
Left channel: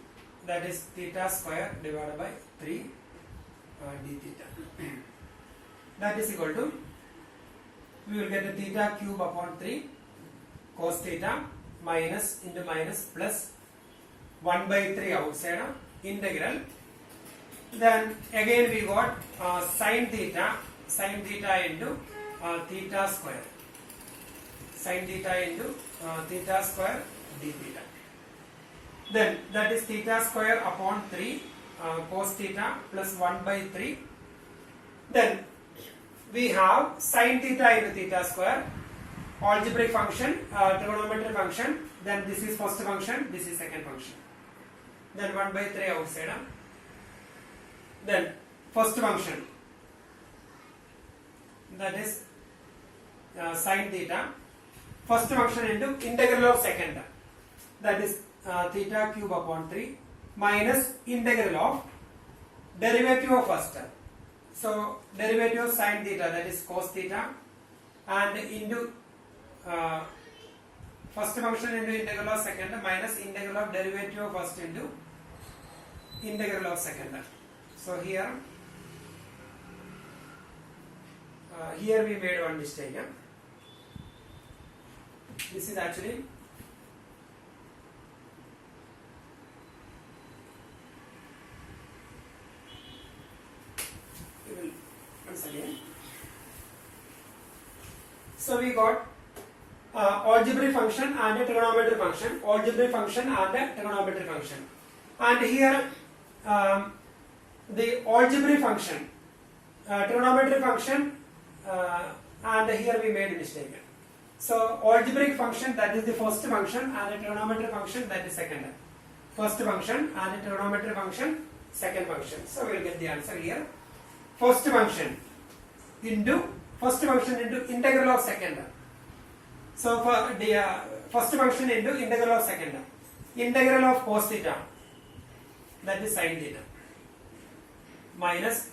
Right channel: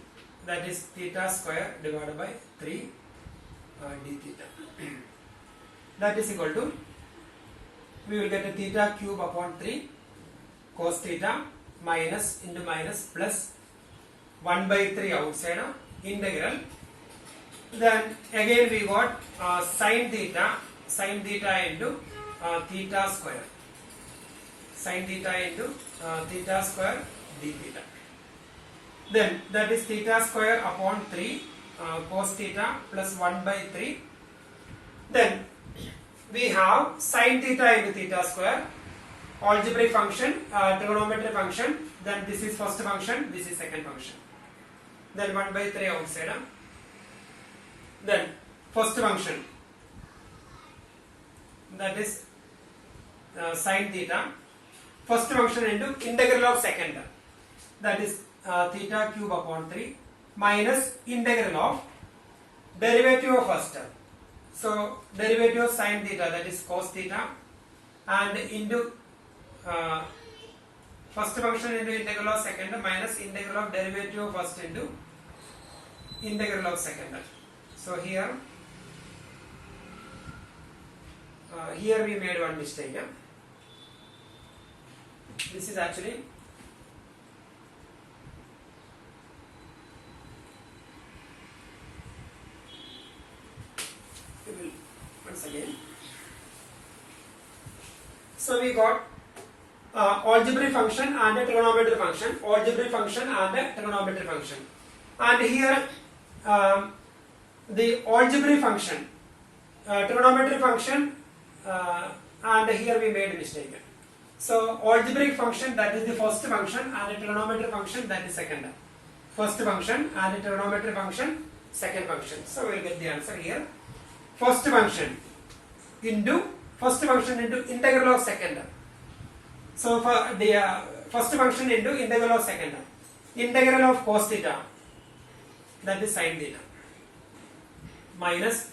that is theta square divided by 3 d theta. That is equal to, we will get a theta cube upon 3 cos theta minus into minus plus 1 by 3 outside integral. Then again we got sin theta into theta square, sin theta into theta square d theta. Then that is theta square upon 3 cos theta plus 1 by 3. Then we have sin theta into theta square, algebraic function, trigonometric function. Then this is first function, this is second function. Then 1 by 3 outside. Then first function, that is sin theta. First function into integral of second, that is theta cube upon 3 minus integral of derivative of first. So derivative of sin theta, that is cos theta, and into first function into integral of second minus integral of derivative of first into integral of second. So here we made one mistake. This is actually once again. So we got algebraic function and a trigonometric function, algebraic function and a trigonometric function. And here the algebraic function, trigonometric function, and here we made a mistake. So algebraic function, that is the first function, and a trigonometric function, that is second. First function and a trigonometric function, second function. So we will get the answer here. First function into integral of second. So for the first function into integral of second, integral of cos theta that is sin theta, minus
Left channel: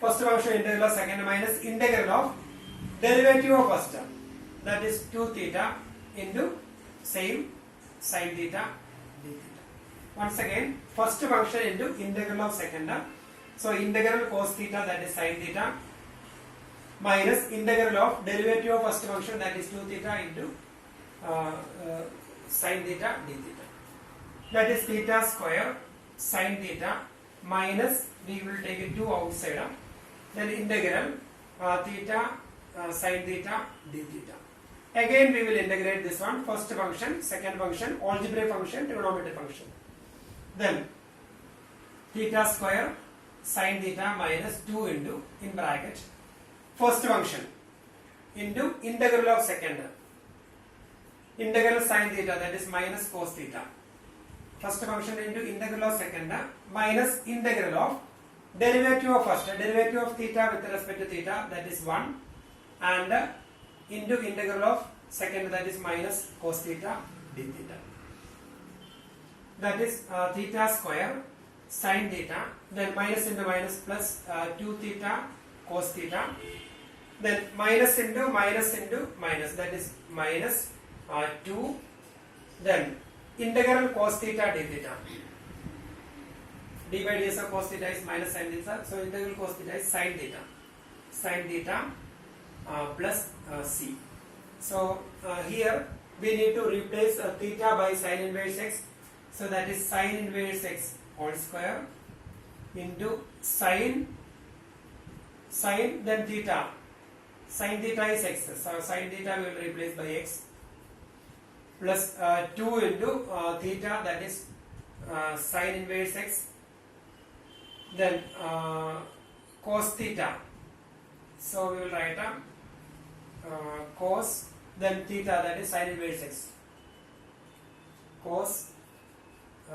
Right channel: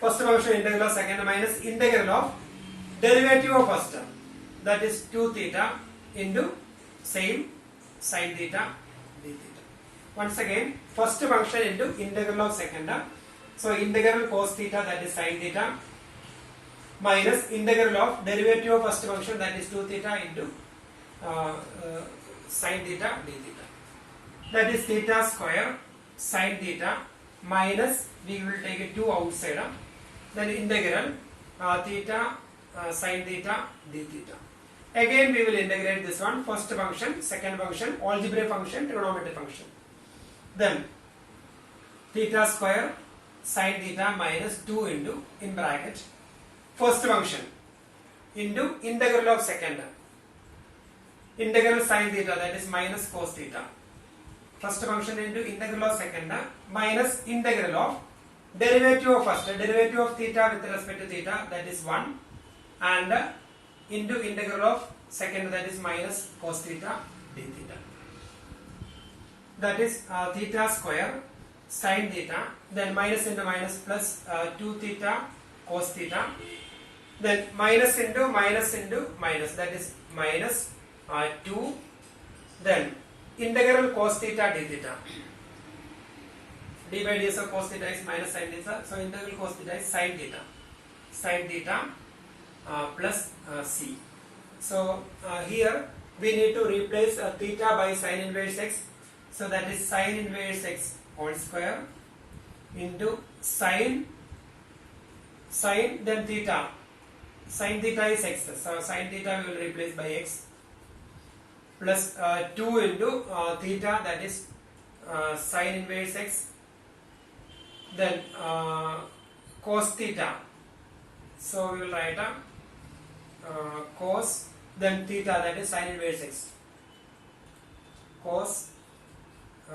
first function integral of second minus integral of derivative of first term, that is 2 theta into same sin theta d theta. Once again, first function into integral of second term. So integral cos theta, that is sin theta, minus integral of derivative of first function, that is 2 theta into sin theta d theta. That is theta square sin theta minus, we will take a 2 outside, then integral theta sin theta d theta. Again we will integrate this one, first function, second function, algebraic function, trigonometric function. Then theta square sin theta minus 2 into, in bracket, first function into integral of second, integral sin theta, that is minus cos theta. First function into integral of second minus integral of derivative of first, derivative of theta with respect to theta, that is 1, and into integral of second, that is minus cos theta d theta. That is theta square sin theta, then minus into minus plus 2 theta cos theta, then minus into minus into minus, that is minus 2, then integral cos theta d theta. D by ds of cos theta is minus sin theta, so integral cos theta is sin theta plus c. So here we need to replace theta by sin inverse x, so that is sin inverse x whole square into sin then theta, sin theta is x, so sin theta we will replace by x, plus 2 into theta, that is sin inverse x, then cos theta, so we will write cos, then theta, that is sin inverse x, cos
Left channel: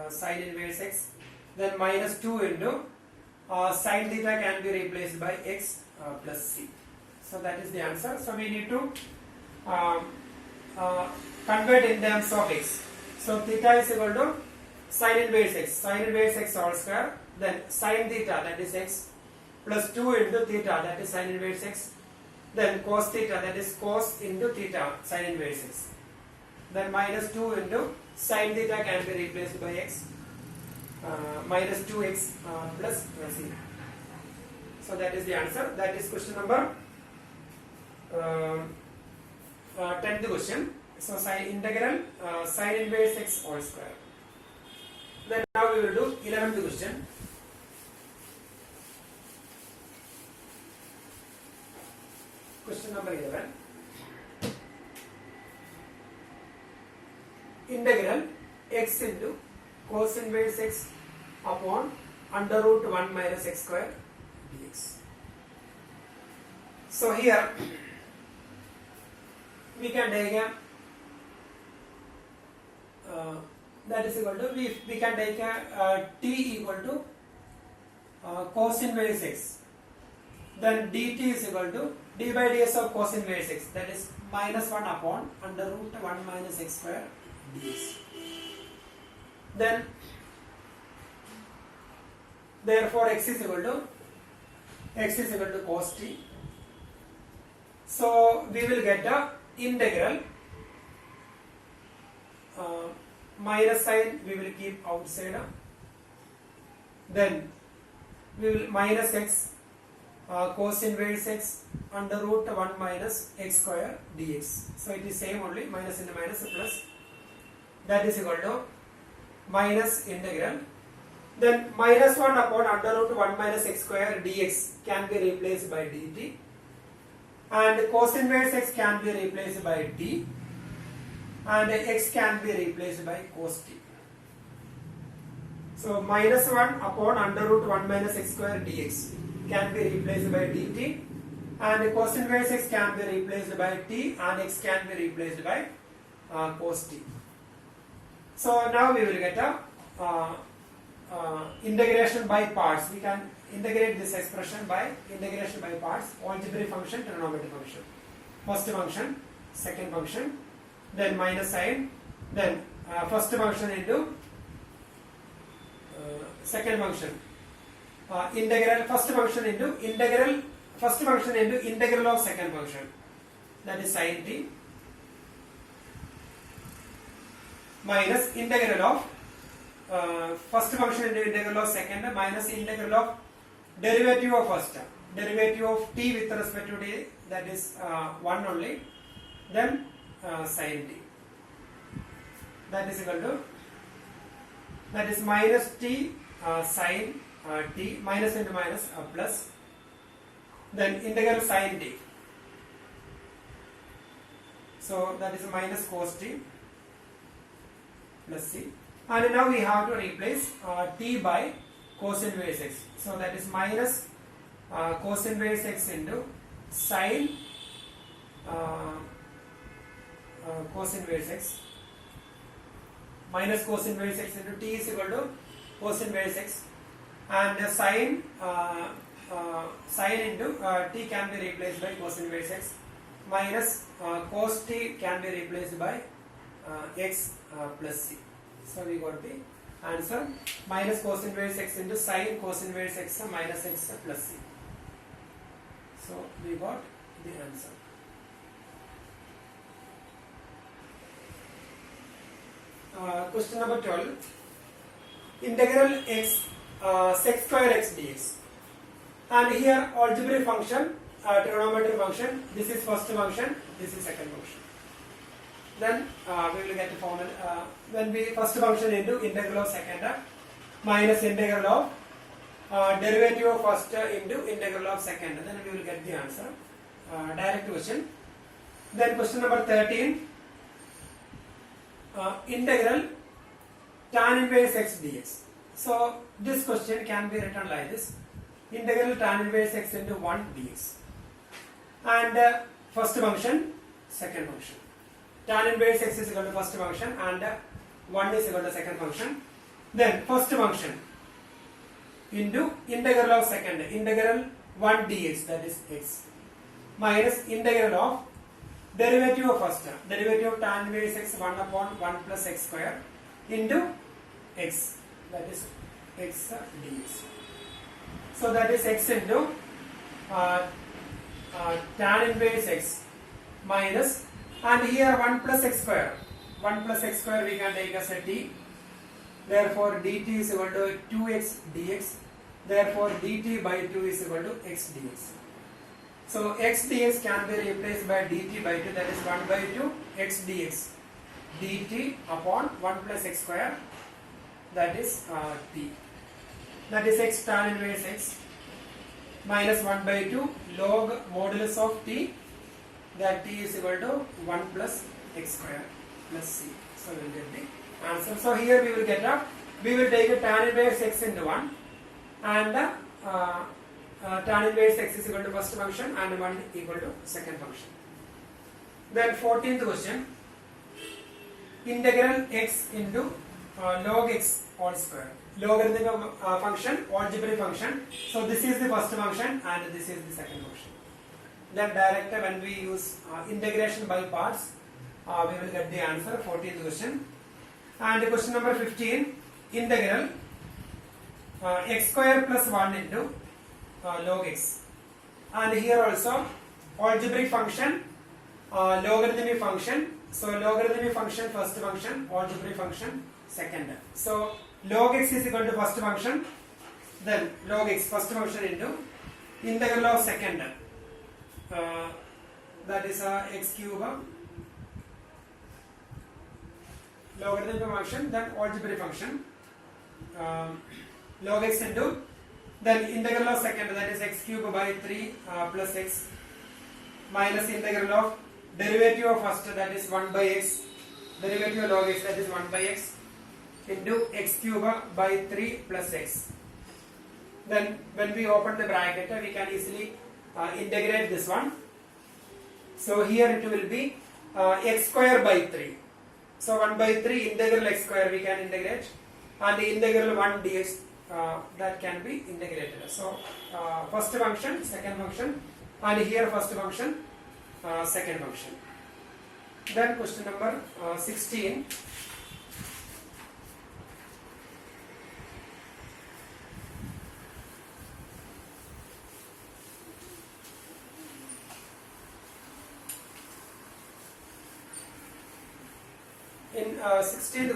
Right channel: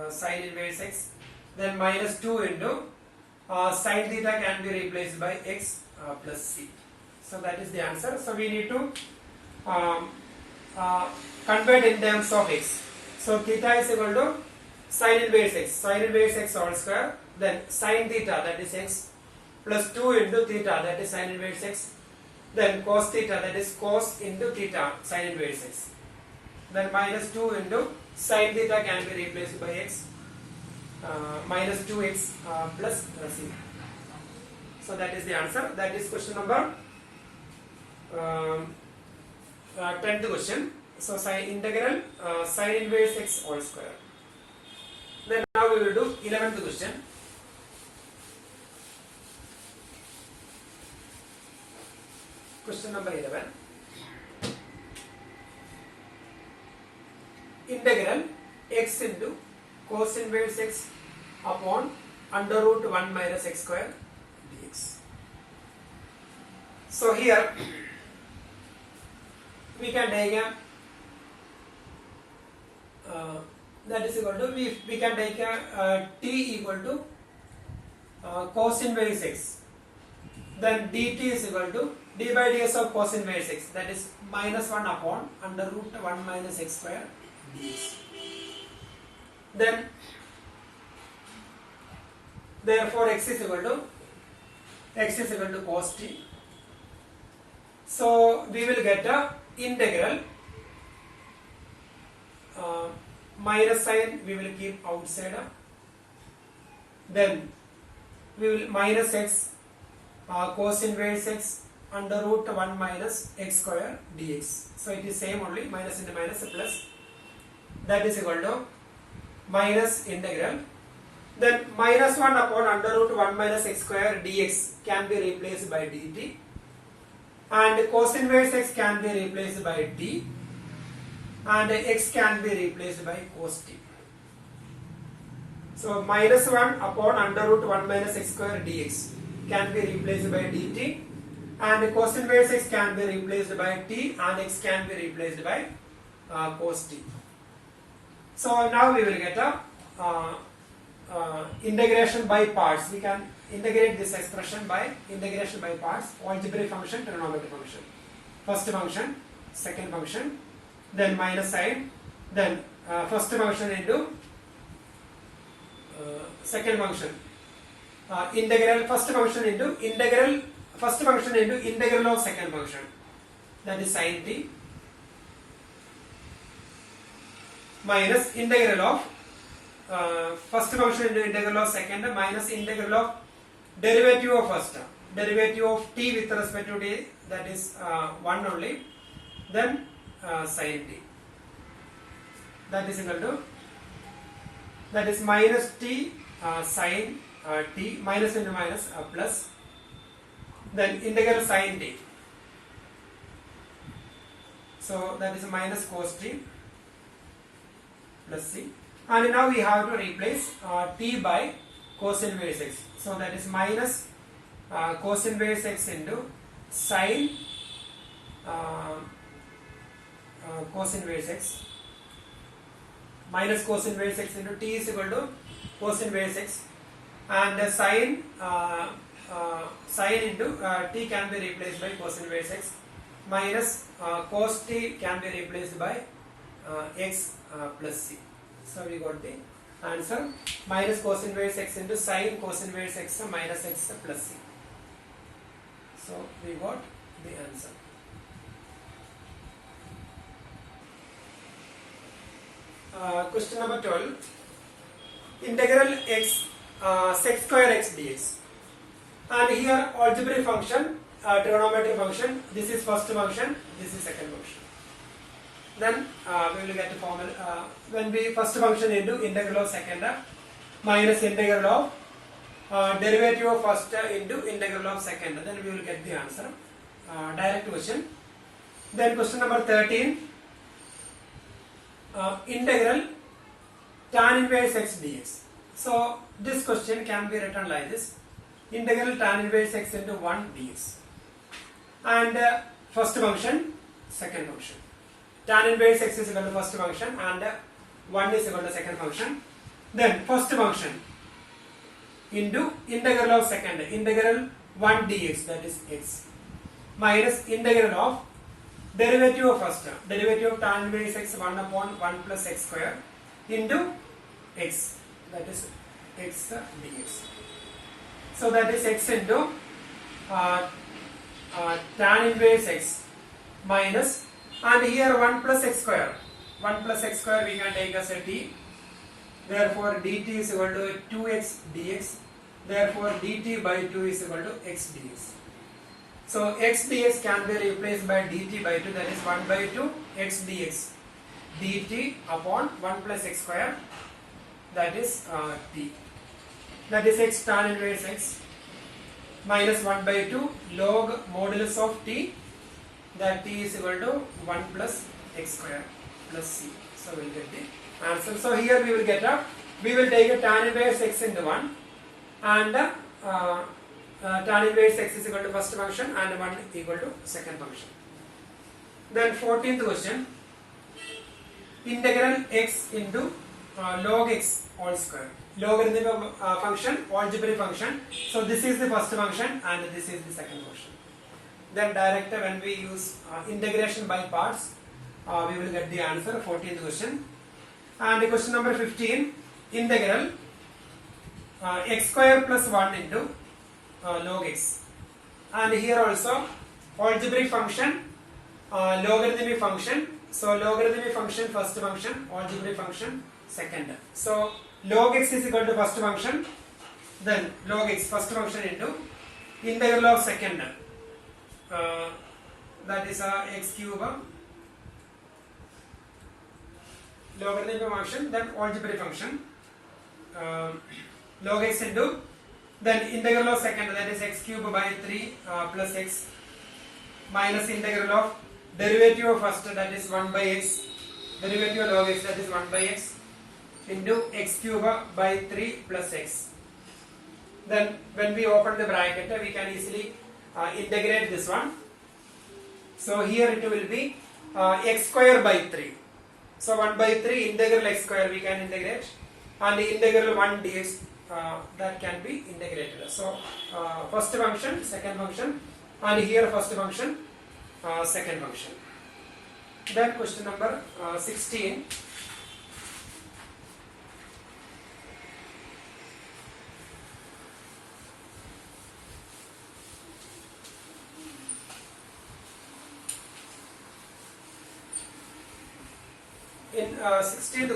sin inverse x, then minus 2 into sin theta can be replaced by x plus c. So that is the answer. So we need to convert in terms of x. So theta is equal to sin inverse x whole square, then sin theta, that is x, plus 2 into theta, that is sin inverse x, then cos theta, that is cos into theta sin inverse x, then minus 2 into sin theta can be replaced by x, minus 2x plus c. So that is the answer. That is question number 10th question. So sin integral sin inverse x whole square. Then now we will do 11th question. Question number 11. Integral x into cos inverse x upon under root 1 minus x square dx. So here we can take a that is equal to, we can take a t equal to cos inverse x, then dt is equal to d by ds of cos inverse x, that is minus 1 upon under root 1 minus x square dx. Then therefore x is equal to cos t. So we will get a integral minus sign we will keep outside, then we will minus x cos inverse x under root 1 minus x square dx. So it is same only, minus into minus plus, that is equal to minus integral, then minus 1 upon under root 1 minus x square dx can be replaced by dt, and cos inverse x can be replaced by d, and x can be replaced by cos t. So minus 1 upon under root 1 minus x square dx can be replaced by dt, and cos inverse x can be replaced by t, and x can be replaced by cos t. So now we will get a integration by parts. We can integrate this expression by integration by parts, algebraic function, trigonometric function. First function, second function, then minus sign, then first function into second function. Integral first function into integral of second function, that is sin t, minus integral of first function into integral of second minus integral of derivative of first, derivative of t with respect to t, that is 1 only, then sin t, that is equal to, that is minus t sin t, minus into minus plus, then integral sin t, so that is minus cos t plus c, and now we have to replace t by cos inverse x, so that is minus cos inverse x into sin cos inverse x, minus cos inverse x into t is equal to cos inverse x, and sin into t can be replaced by cos inverse x, minus cos t can be replaced by x plus c. So we got the answer, minus cos inverse x into sin cos inverse x minus x plus c. So we got the answer. Question number 12. Integral x sec square x dx. And here algebraic function, trigonometric function. This is first function. This is second function. Then we will get the formula. When we first function into integral of second minus integral of derivative of first into integral of second. Then we will get the answer. Direct question. Then question number 13. Integral tan inverse x dx. So this question can be written like this: integral tan inverse x into 1 dx. And first function, second function. Tan inverse x is equal to first function and 1 is equal to second function. Then first function into integral of second, integral 1 dx, that is x, minus integral of derivative of first, derivative of tan inverse x 1 upon 1 plus x square into x, that is x dx. So that is x into tan inverse x minus, and here 1 plus x square, 1 plus x square we can take as a t, therefore dt is equal to 2x dx, therefore dt by 2 is equal to x dx. So x dx can be replaced by dt by 2, that is 1 by 2 x dx dt upon 1 plus x square, that is t, that is x tan inverse x minus 1 by 2 log modulus of t, that t is equal to 1 plus x square plus c. So we will get the answer. So here we will get we will take a tan inverse x into 1 and tan inverse x is equal to first function and 1 equal to second function. Then 14th question, integral x into log x all square. Logarithmic function, algebraic function. So this is the first function and this is the second function. Then direct when we use integration by parts, we will get the answer. 14th question. And question number 15, integral x square plus 1 into log x. And here also algebraic function, logarithmic function. So logarithmic function first function, algebraic function second. So log x is equal to first function, then log x first function into integral of second, that is x cube, logarithmic function, then algebraic function, log x into, then integral of second, that is x cube by 3 plus x, minus integral of derivative of first, that is 1 by x, derivative of log x, that is 1 by x, into x cube by 3 plus x. Then when we open the bracket, we can easily integrate this one. So here it will be x square by 3. So 1 by 3 integral x square we can integrate, and the integral 1 dx that can be integrated. So first function, second function, and here first function, second function. Then question number 16. in 16th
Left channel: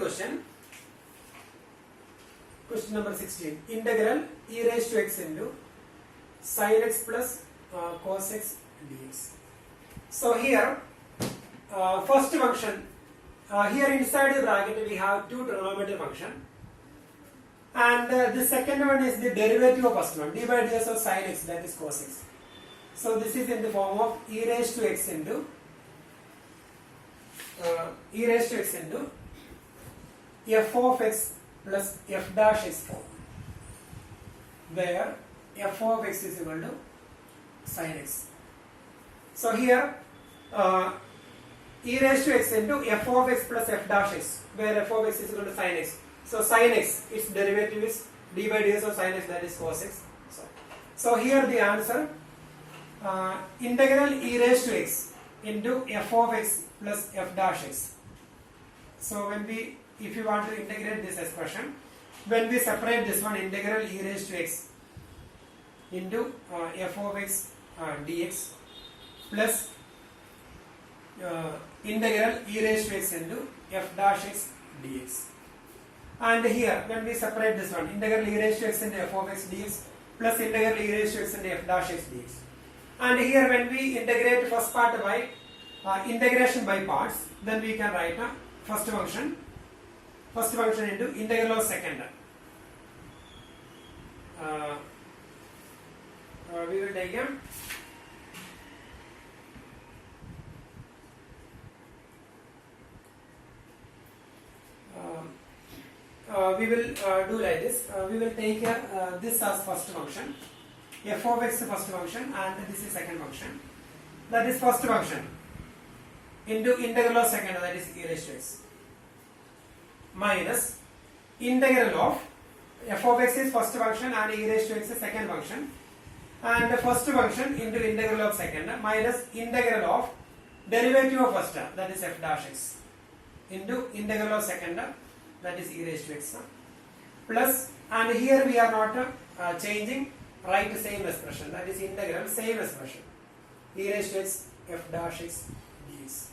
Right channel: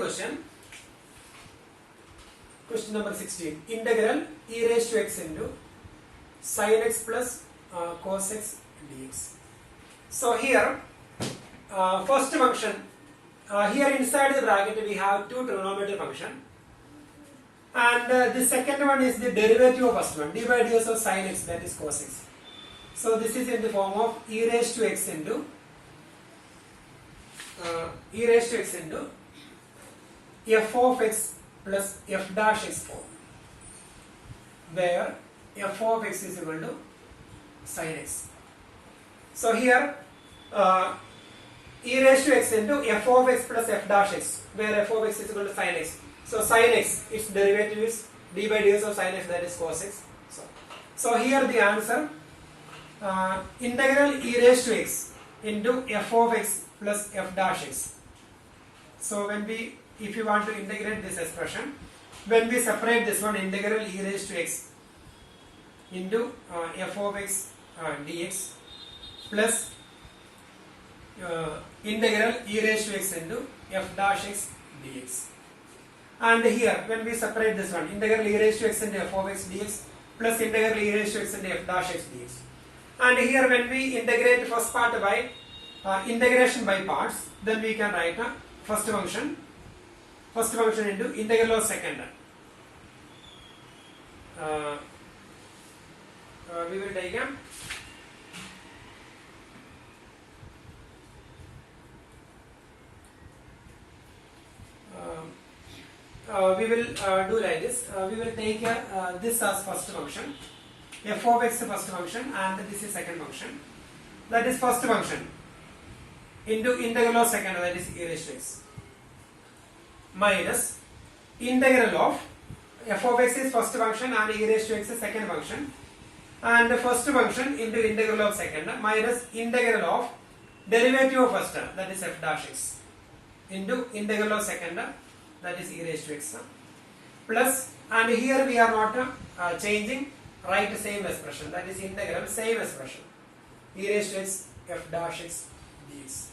question number 16, integral e raised to x into sin x plus cos x dx. So here first function, here inside the bracket we have two trigonometric function, and the second one is the derivative of first one, d by ds of sin x, that is cos x. So this is in the form of e raised to x into f of x plus f dash x form, where f of x is equal to sin x. So here e raised to x into f of x plus f dash x, where f of x is equal to sin x. So sin x, its derivative is d by ds of sin x, that is cos x. So here the answer, integral e raised to x into f of x plus f dash x. So when we, if you want to integrate this expression, when we separate this one, integral e raised to x into f of x dx plus integral e raised to x into f dash x dx. And here when we separate this one, integral e raised to x into f of x dx plus integral e raised to x into f dash x dx. And here when we integrate first part by integration by parts, then we can write a first function into integral of second. We will take a we will do like this. We will take this as first function, f of x first function, and this is second function. That is first function into integral of second, that is e raised to x, minus integral of f of x is first function and e raised to x is second function, and the first function into integral of second minus integral of derivative of first, that is f dash x, into integral of second, that is e raised to x, plus, and here we are not changing, write the same expression, that is integral same expression, e raised to x f dash x dx.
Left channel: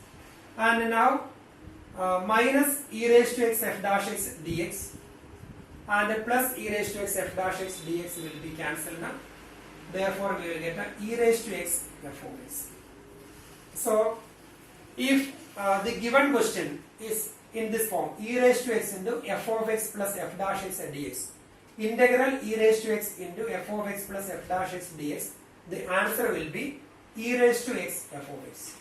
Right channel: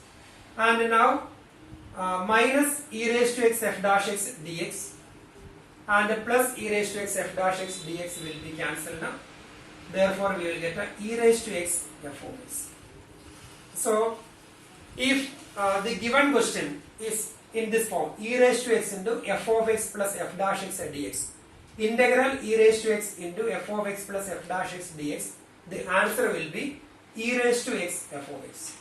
And now minus e raised to x f dash x dx and plus e raised to x f dash x dx will be cancelled now. Therefore we will get a e raised to x f of x. So if the given question is in this form, e raised to x into f of x plus f dash x dx, integral e raised to x into f of x plus f dash x dx, the answer will be e raised to x f of x.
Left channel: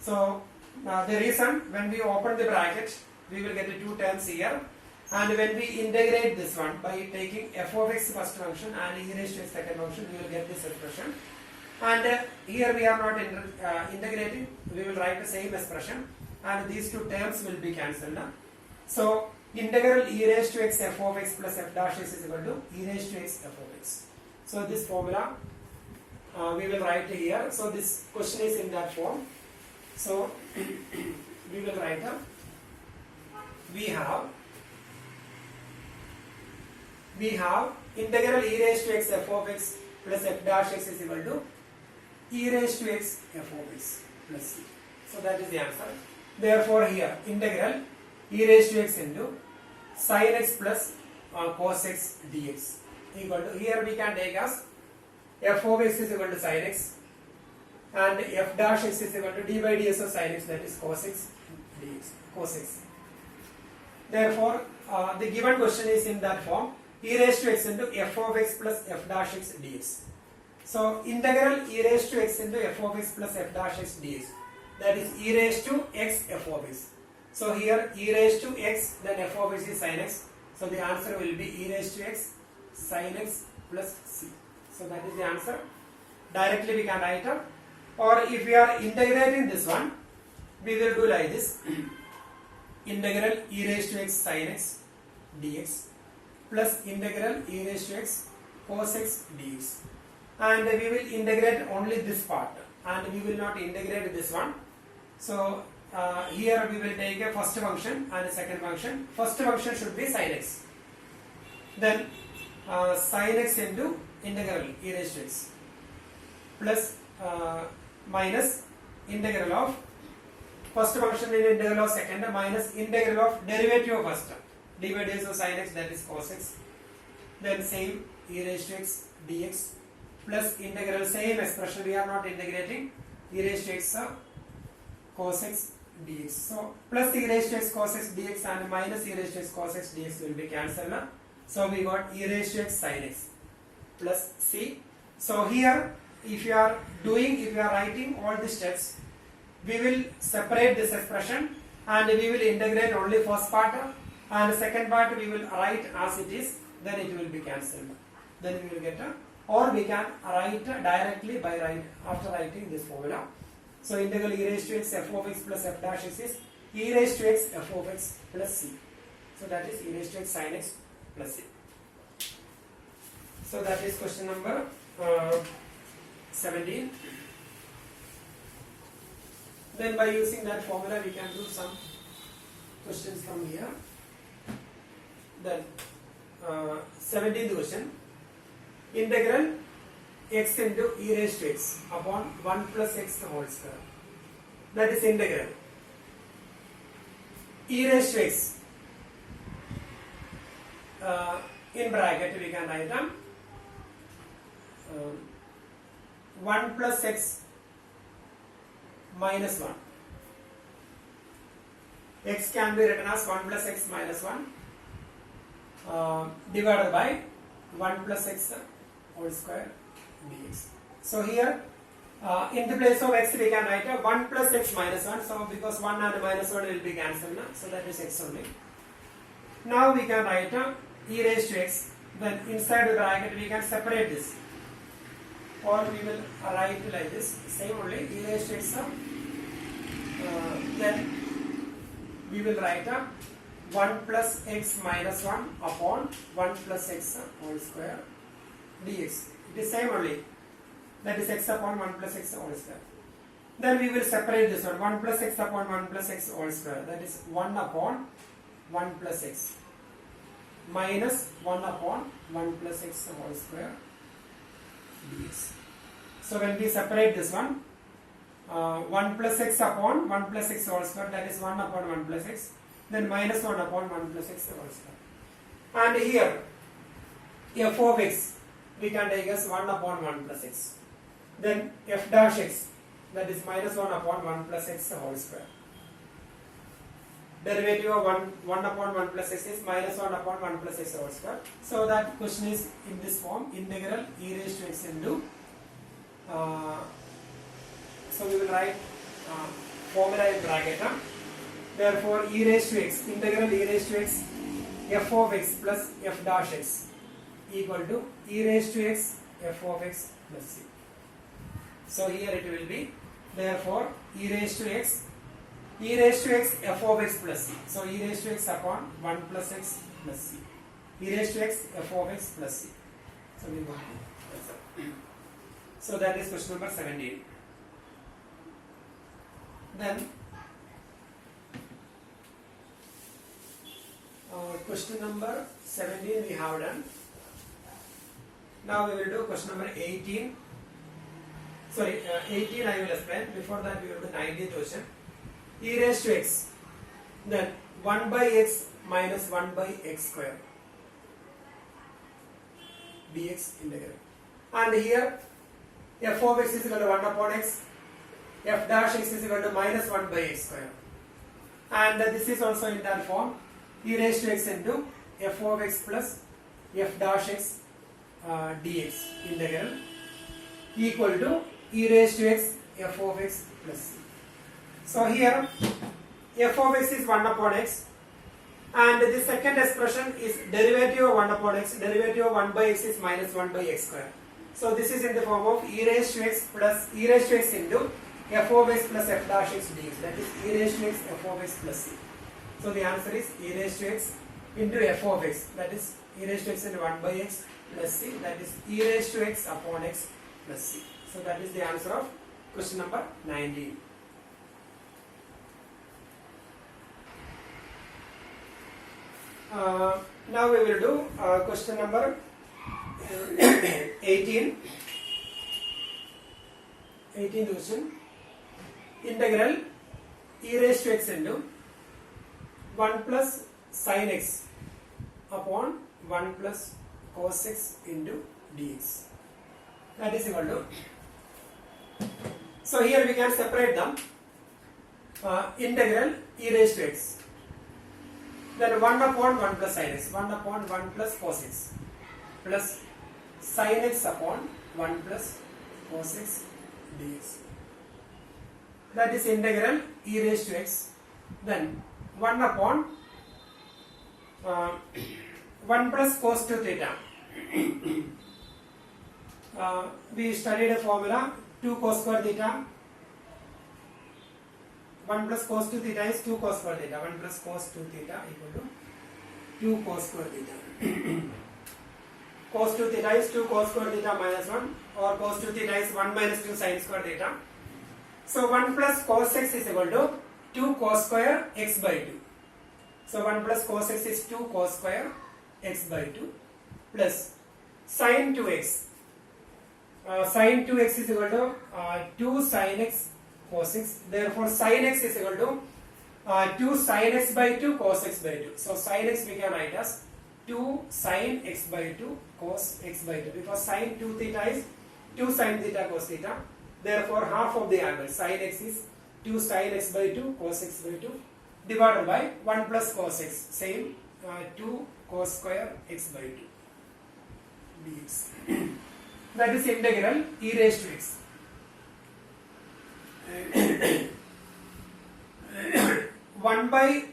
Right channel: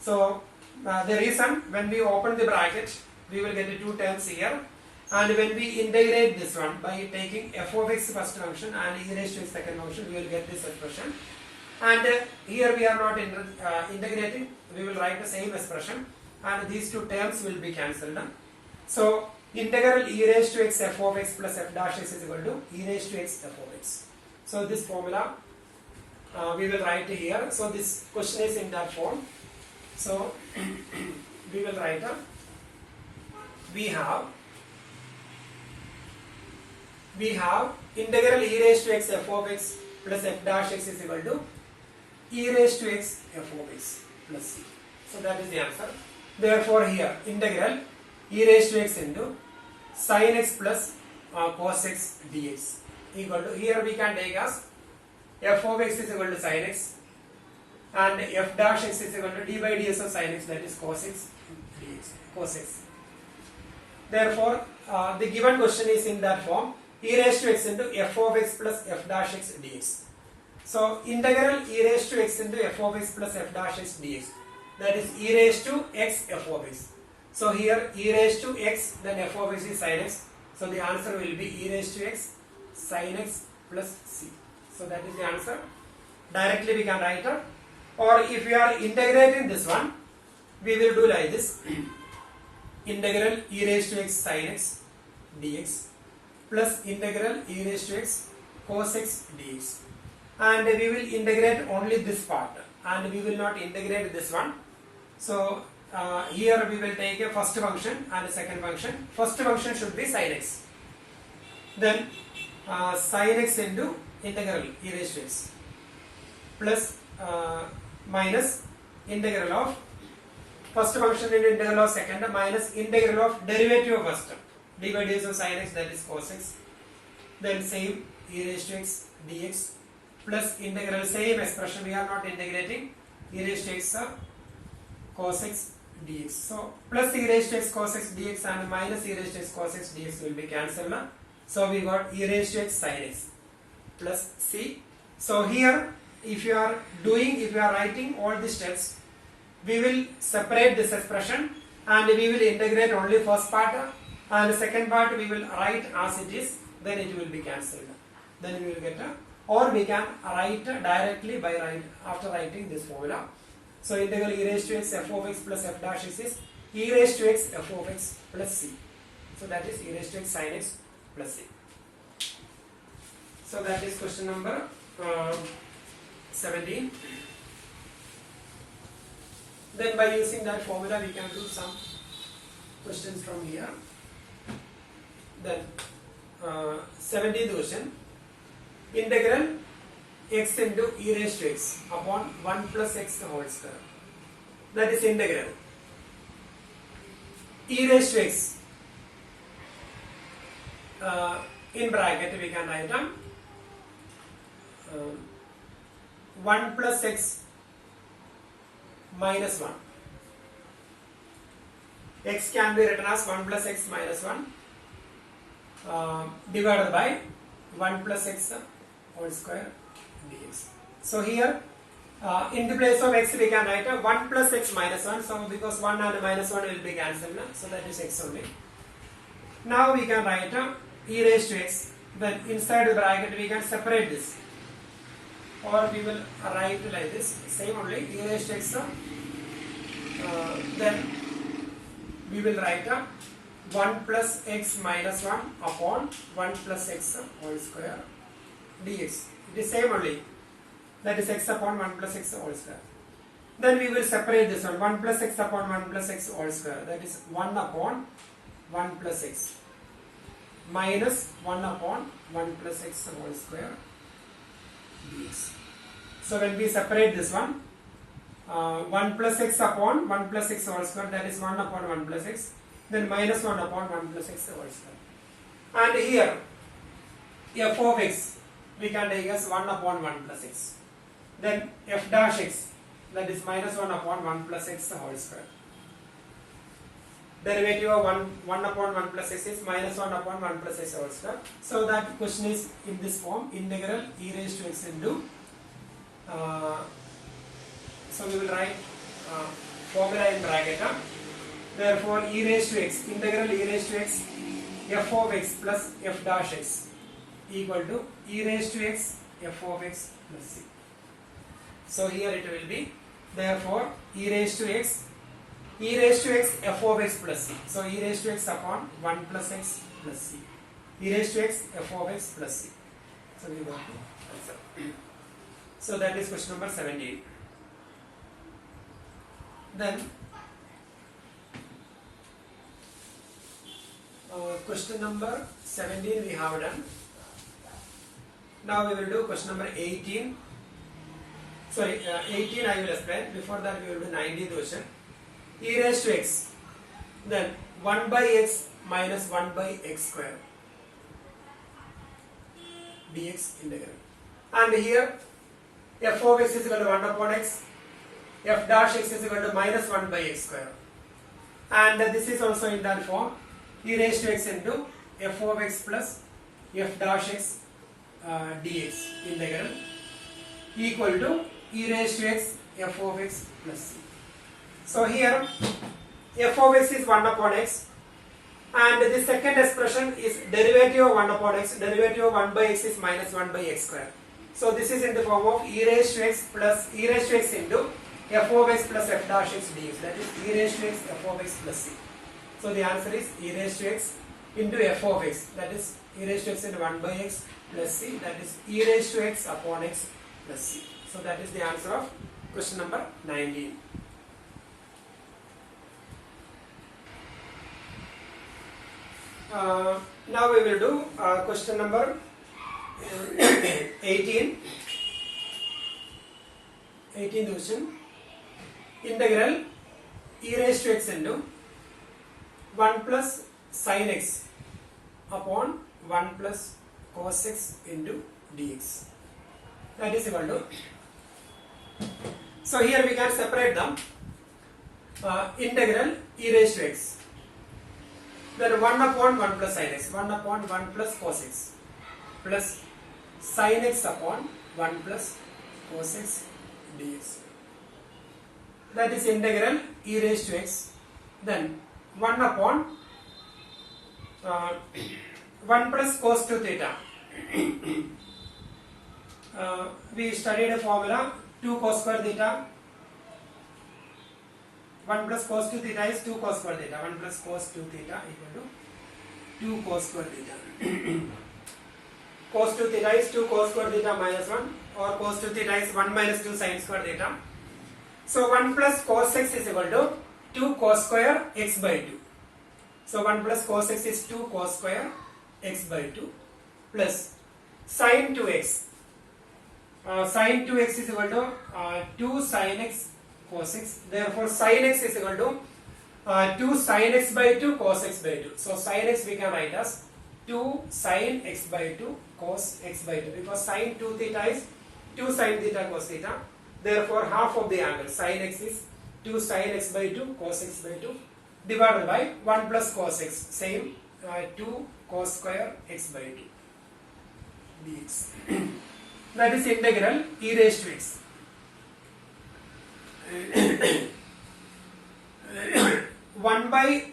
So the reason, when we open the bracket, we will get the two terms here, and when we integrate this one by taking f of x first function and e raised to x second function, we will get this expression. And here we are not integrating, we will write the same expression, and these two terms will be cancelled. So integral e raised to x f of x plus f dash x is equal to e raised to x f of x. So this formula we will write here. So this question is in that form. So we will write we have integral e raised to x f of x plus f dash x is equal to e raised to x f of x plus c. So that is the answer. Therefore here integral e raised to x into sin x plus cos x dx equal to, here we can take as f of x is equal to sin x and f dash x is equal to d by ds of sin x, that is cos x dx, cos x. Therefore the given question is in that form, e raised to x into f of x plus f dash x dx. So integral e raised to x into f of x plus f dash x dx, that is e raised to x f of x. So here e raised to x, then f of x is sin x. So the answer will be e raised to x sin x plus c. So that is the answer. Directly we can write it. Or if we are integrating this one, we will do like this. Integral e raised to x sin x dx plus integral e raised to x cos x dx. And we will integrate only this part and we will not integrate this one. So here we will take a first function and a second function. First function should be sin x. Then sin x into integral e raised to x plus minus integral of first function in integral of second minus integral of derivative of first. dy dx of sin x, that is cos x. Then same e raised to x dx plus integral, same expression, we are not integrating, e raised to x cos x dx. So plus e raised to x cos x dx and minus e raised to x cos x dx will be cancelled. So we got e raised to x sin x plus c. So here if you are writing all the steps, we will separate this expression and we will integrate only first part, and the second part we will write as it is, then it will be cancelled. Then we will get or we can write directly after writing this formula. So integral e raised to x f of x plus f dash x is e raised to x f of x plus c. So that is e raised to x sin x plus c. So that is question number 17. Then by using that formula we can do some questions from here. Then 17th question, integral x into e raised to x upon 1 plus x whole square. That is integral e raised to x, in bracket we can write 1 plus x minus 1. X can be written as 1 plus x minus 1 divided by 1 plus x whole square dx. So here in the place of x we can write 1 plus x minus 1. So because 1 and minus 1 will be cancelled, so that is x only. Now we can write e raised to x. Then inside the bracket we can separate this, or we will write like this, same only, e raised to x. Then we will write 1 plus x minus 1 upon 1 plus x whole square dx. It is same only, that is x upon 1 plus x whole square. Then we will separate this one, 1 plus x upon 1 plus x whole square, that is 1 upon 1 plus x minus 1 upon 1 plus x whole square dx. So when we separate this one, 1 plus x upon 1 plus x whole square, that is 1 upon 1 plus x, then minus 1 upon 1 plus x whole square. And here f of x we can take as 1 upon 1 plus x. Then f dash x, that is minus 1 upon 1 plus x whole square. Derivative of 1 upon 1 plus x is minus 1 upon 1 plus x whole square. So that question is in this form, integral e raised to x into, so we will write formula in bracket. Therefore e raised to x, integral e raised to x f of x plus f dash x equal to e raised to x f of x plus c. So here it will be, therefore e raised to x f of x plus c. So e raised to x upon 1 plus x plus c. E raised to x f of x plus c. So we got the answer. So that is question number 17. Then question number 17 we have done. Now we will do question number 18. Sorry, 18 I will explain. Before that we will do 19th question. E raised to x, then 1 by x minus 1 by x square dx integral. And here f of x is equal to 1 upon x, f dash x is equal to minus 1 by x square. And this is also in that form, e raised to x into f of x plus f dash x dx integral equal to e raised to x f of x plus c. So here f of x is 1 upon x, and the second expression is derivative of 1 upon x, derivative of 1 by x is minus 1 by x square. So this is in the form of e raised to x plus e raised to x into f of x plus f dash x dx, that is e raised to x f of x plus c. So the answer is e raised to x into f of x, that is e raised to x into 1 by x plus c, that is e raised to x upon x plus c. So that is the answer of question number 19. Now we will do question number 18. 18th question. Integral e raised to x into 1 plus sin x upon 1 plus cos x into dx. That is equal to. So here we can separate them. Integral e raised to x. Then 1 upon 1 plus sin x, 1 upon 1 plus cos x, plus sin x upon 1 plus cos x dx. That is integral e raised to x. Then 1 upon 1 plus cos 2 theta. We studied a formula 2 cos square theta. 1 plus cos 2 theta is 2 cos square theta. 1 plus cos 2 theta equal to 2 cos square theta. Cos 2 theta is 2 cos square theta minus 1, or cos 2 theta is 1 minus 2 sin square theta. So 1 plus cos x is equal to 2 cos square x by 2. So 1 plus cos x is 2 cos square x by 2 plus sin 2x. Sin 2x is equal to 2 sin x cos x. Therefore sin x is equal to 2 sin x by 2 cos x by 2. So sin x we can write as 2 sin x by 2 cos x by 2, because sin 2 theta is 2 sin theta cos theta. Therefore half of the angle sin x is 2 sin x by 2 cos x by 2 divided by 1 plus cos x, same 2 cos square x by 2 dx. That is integral e raised to x. 1 by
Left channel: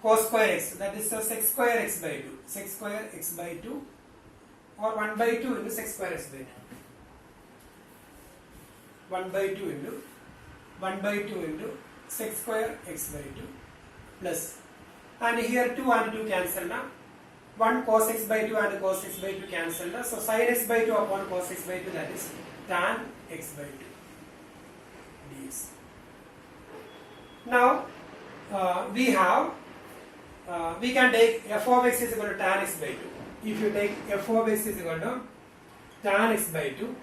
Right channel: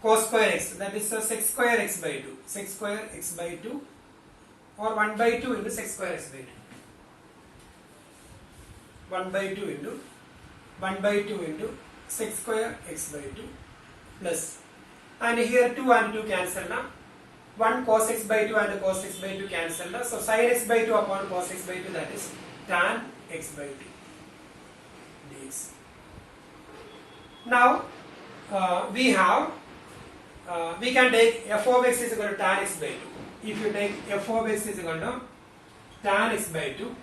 cos square x, that is sec square x by 2, sec square x by 2, or 1 by 2 into sec square x by 2. 1 by 2 into 1 by 2 into sec square x by 2 plus, and here 2 and 2 cancel now. 1 cos x by 2 and cos x by 2 cancel now. So sin x by 2 upon cos x by 2, that is tan x by 2 dx. Now we can take f of x is equal to tan x by 2. If you take f of x is equal to tan x by 2,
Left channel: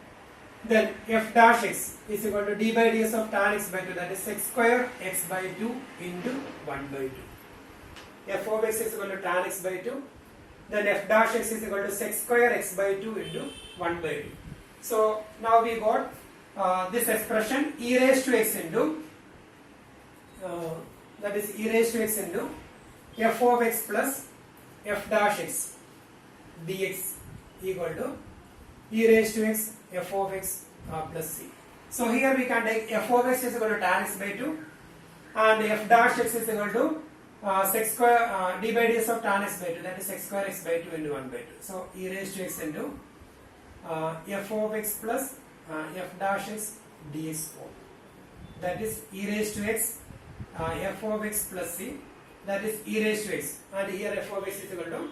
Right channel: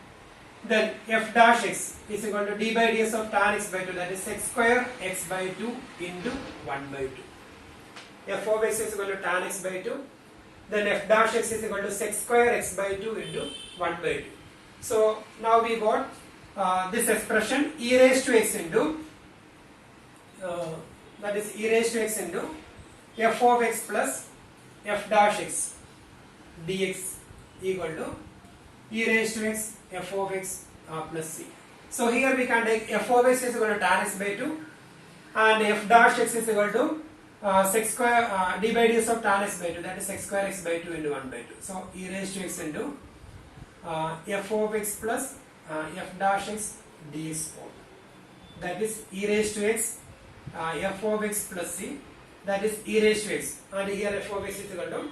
then f dash x is equal to d by ds of tan x by 2, that is sec square x by 2 into 1 by 2. F of x is equal to tan x by 2, then f dash x is equal to sec square x by 2 into 1 by 2. So now we got this expression e raised to x into that is e raised to x into f of x plus f dash x dx equal to e raised to x f of x plus c. So here we can take f of x is equal to tan x by 2 and f dash x is equal to sec square d by ds of tan x by 2, that is sec square x by 2 into 1 by 2. So e raised to x into f of x plus f dash x dx form, that is e raised to x f of x plus c, that is e raised to x, and here f of x is equal to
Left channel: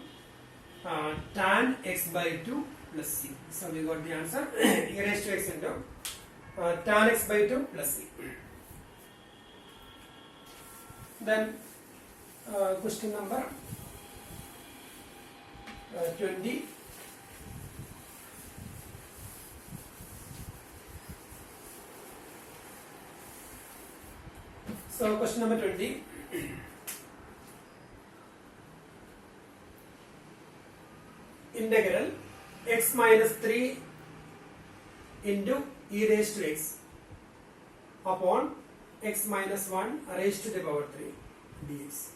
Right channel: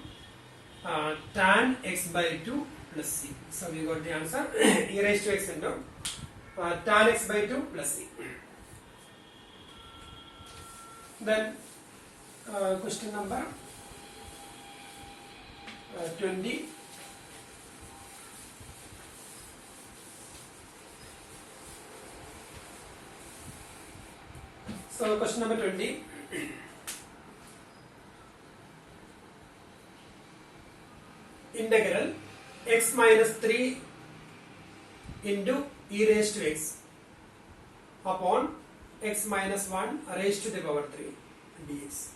tan x by 2 plus c. So we got the answer e raised to x into tan x by 2 plus c. Then question number 20. So question number 20. Integral x minus 3 into e raised to x upon x minus 1 raised to the power 3 dx.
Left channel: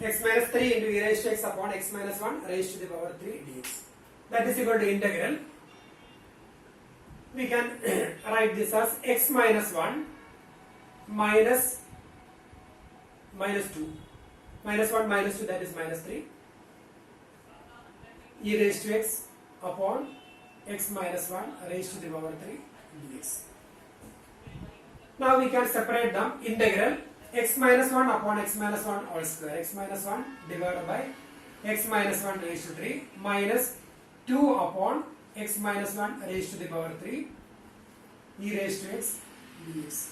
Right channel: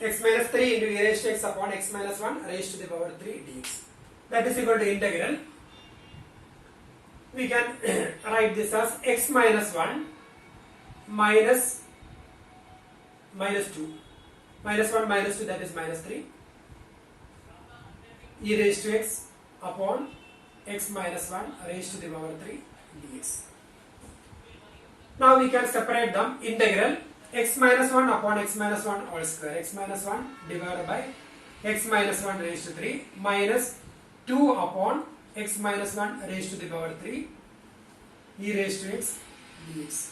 X minus 3 into e raised to x upon x minus 1 raised to the power 3 dx. That is equal to integral. We can write this as x minus 1 minus 2. Minus 1 minus 2, that is minus 3. E raised to x upon x minus 1 raised to the power 3 dx. Now we can separate them. Integral x minus 1 upon x minus 1 all square, x minus 1 divided by x minus 1 raised to 3 minus 2 upon x minus 1 raised to the power 3 e raised to x dx.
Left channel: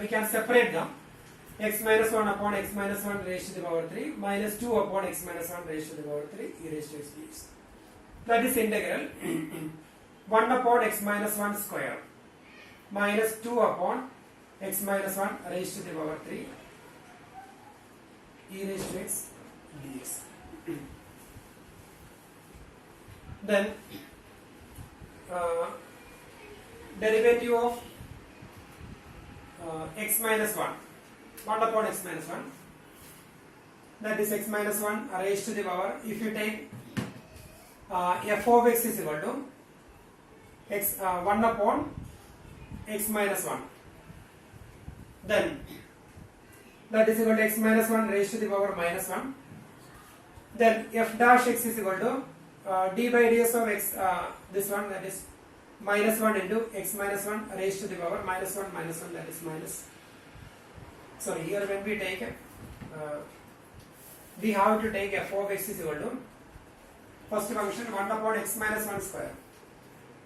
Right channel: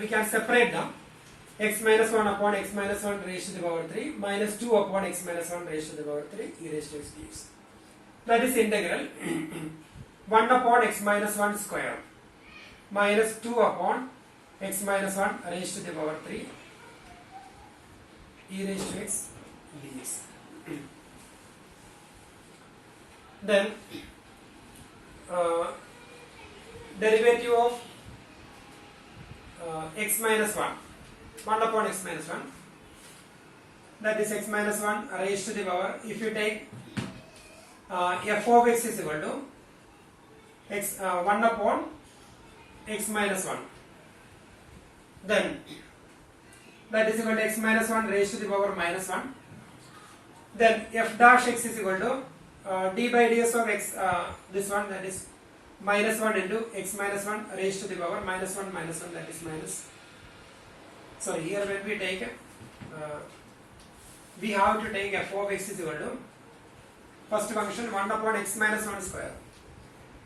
We can separate them. X minus 1 upon x minus 1 raised to the power 3 minus 2 upon x minus 1 raised to the power 3 e raised to x dx. That is integral 1 upon x minus 1 square minus 2 upon x minus 1 raised to the power 3 e raised to x dx. Then derivative of x minus 1 upon x minus 1, that is x minus 1 raised to the power, if you take f of x is equal to x 1 upon x minus 1, then that is equal to x minus 1 raised to the power minus 1. Then f dash x is equal to d by ds of x, this one, that is minus 1 into x minus 1 raised to the power minus 1, that is minus. So here when we take we have to take f of x is equal to first function 1 upon x minus 1 square,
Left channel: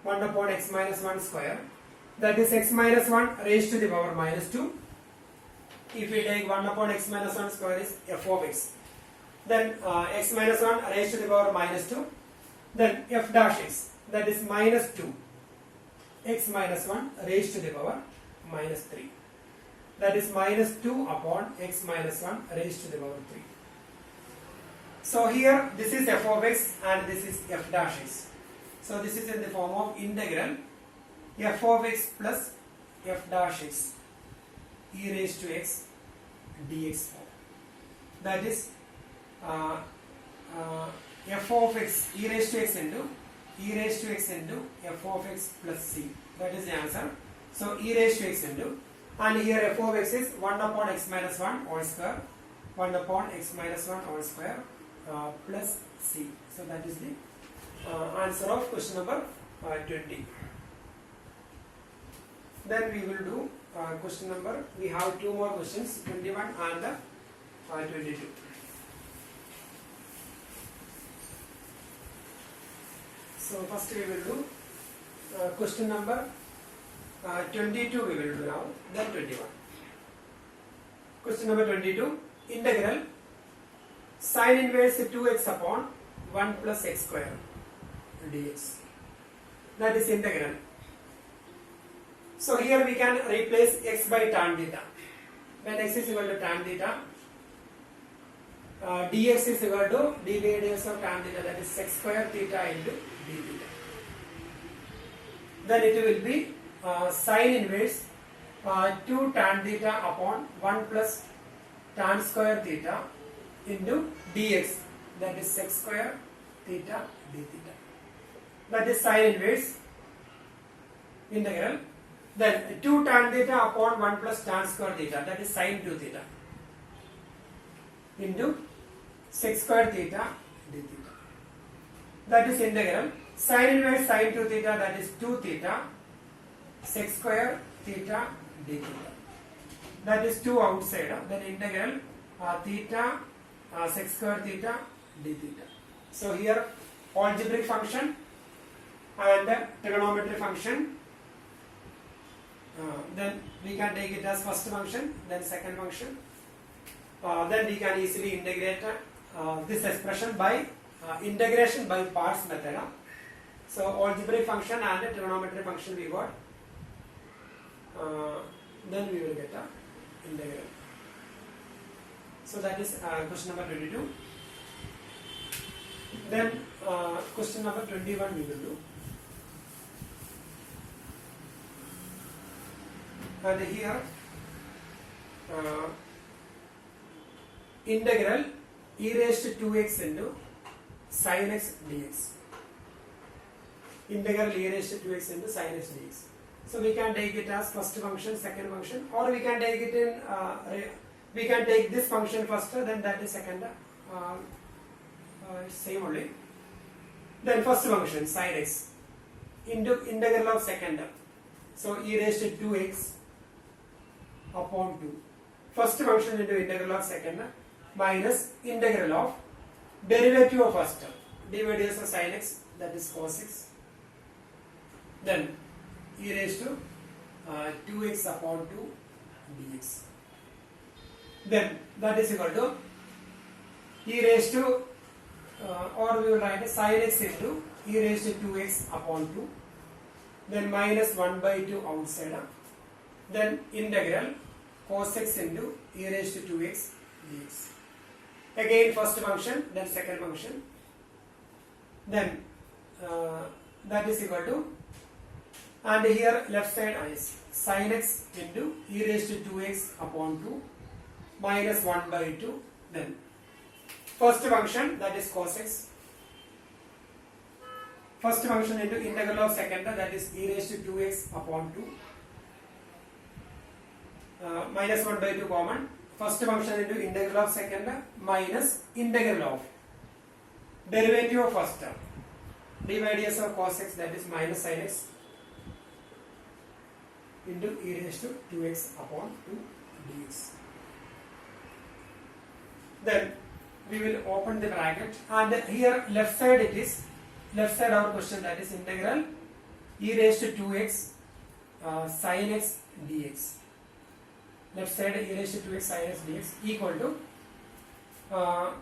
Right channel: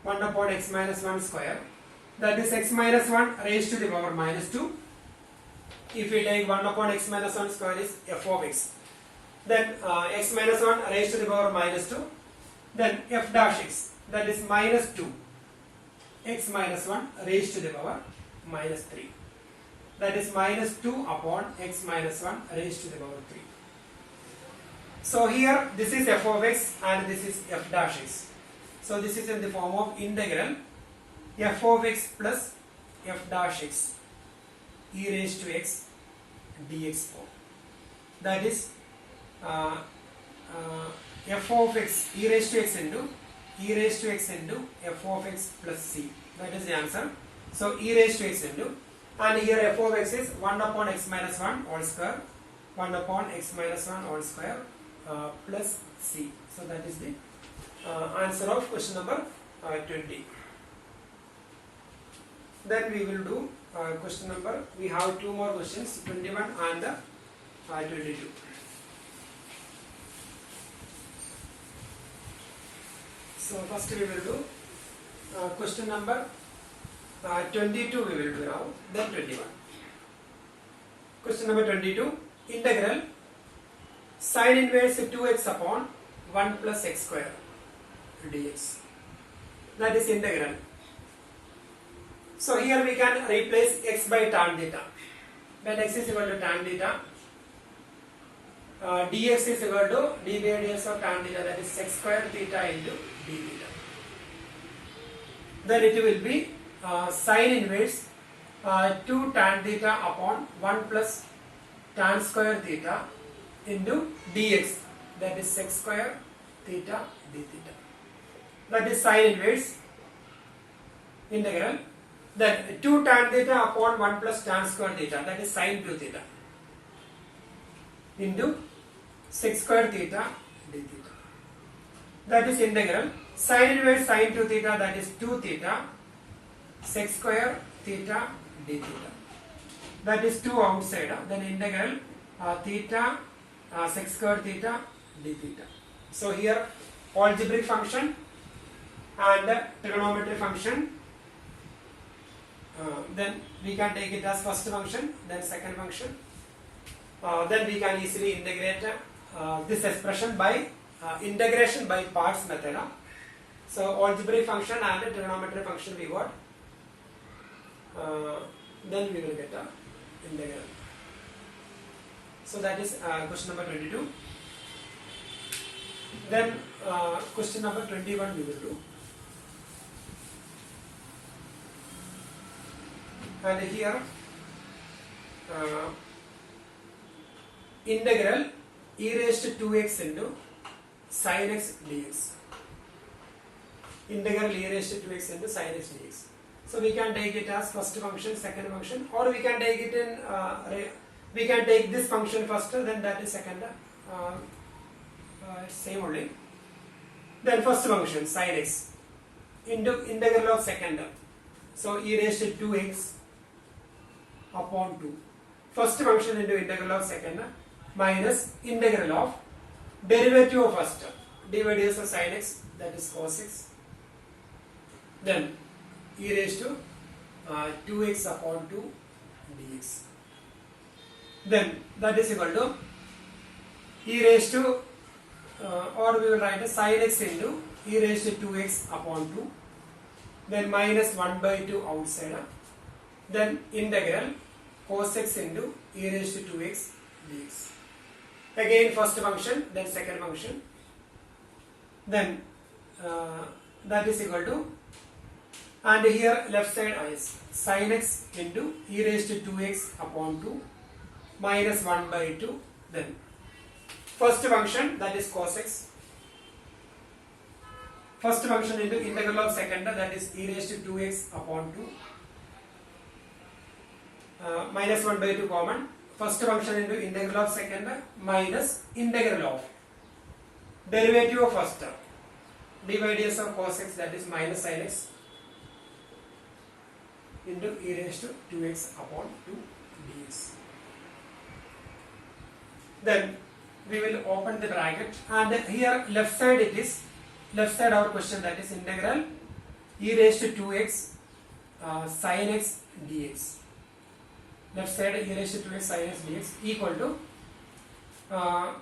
1 upon x minus 1 square, that is x minus 1 raised to the power minus 2. If we take 1 upon x minus 1 square is f of x, then x minus 1 raised to the power minus 2, then f dash x, that is minus 2 x minus 1 raised to the power minus 3, that is minus 2 upon x minus 1 raised to the power 3. So here this is f of x and this is f dash x. So this is in the form of integral f of x plus f dash x e raised to x dx form. That is f of x e raised to x into f of x plus c. That is the answer. So e raised to x into, and here f of x is 1 upon x minus 1 whole square, 1 upon x minus 1 whole square plus c. So that is the answer of question number 20. Then we will do question number, we have two more questions, 21 and 22. So first we will do question number 22 we will do now, then 21. Question number 22, integral sin inverse 2x upon 1 plus x square dx. That is integral. So here we can replace x by tan theta. When x is equal to tan theta, dx is equal to d by ds of tan theta, that is sec square theta into d theta. Then it will be sin inverse 2 tan theta upon 1 plus tan square theta into dx, that is sec square theta d theta. That is sin inverse integral. Then 2 tan theta upon 1 plus tan square theta, that is sin 2 theta into sec square theta d theta. That is integral sin inverse sin 2 theta, that is 2 theta sec square theta d theta. That is 2 outside. Then integral theta sec square theta d theta. So here algebraic function and trigonometric function. Then we can take it as first function, then second function. Then we can easily integrate this expression by integration by parts method. So algebraic function and trigonometric function we got. Then we will get the integral. So that is question number 22. Then question number 21 we will do. And here integral e raised to 2x into sin x dx. Integral e raised to 2x into sin x dx. So we can take it as first function, second function, or we can take it in we can take this function first, then that is second, same only. Then first function sin x into integral of second, so e raised to 2x upon 2. First function into integral of second minus integral of derivative of first, d by ds of sin x, that is cos x. Then e raised to 2x upon 2 dx. Then that is equal to e raised to or we will write sin x into e raised to 2x upon 2, then minus 1 by 2 outside, then integral cos x into e raised to 2x dx. Again first function, then second function, then that is equal to, and here left side is sin x into e raised to 2x upon 2 minus 1 by 2, then first function, that is cos x, first function into integral of second, that is e raised to 2x upon 2 minus 1 by 2 common, first function into integral of second minus integral of derivative of first term, dy ds of cos x, that is minus sin x into e raised to 2x upon 2 dx. Then we will open the bracket, and here left side it is, left side our question, that is integral e raised to 2x sin x dx. Left side e raised to 2x sin x dx equal to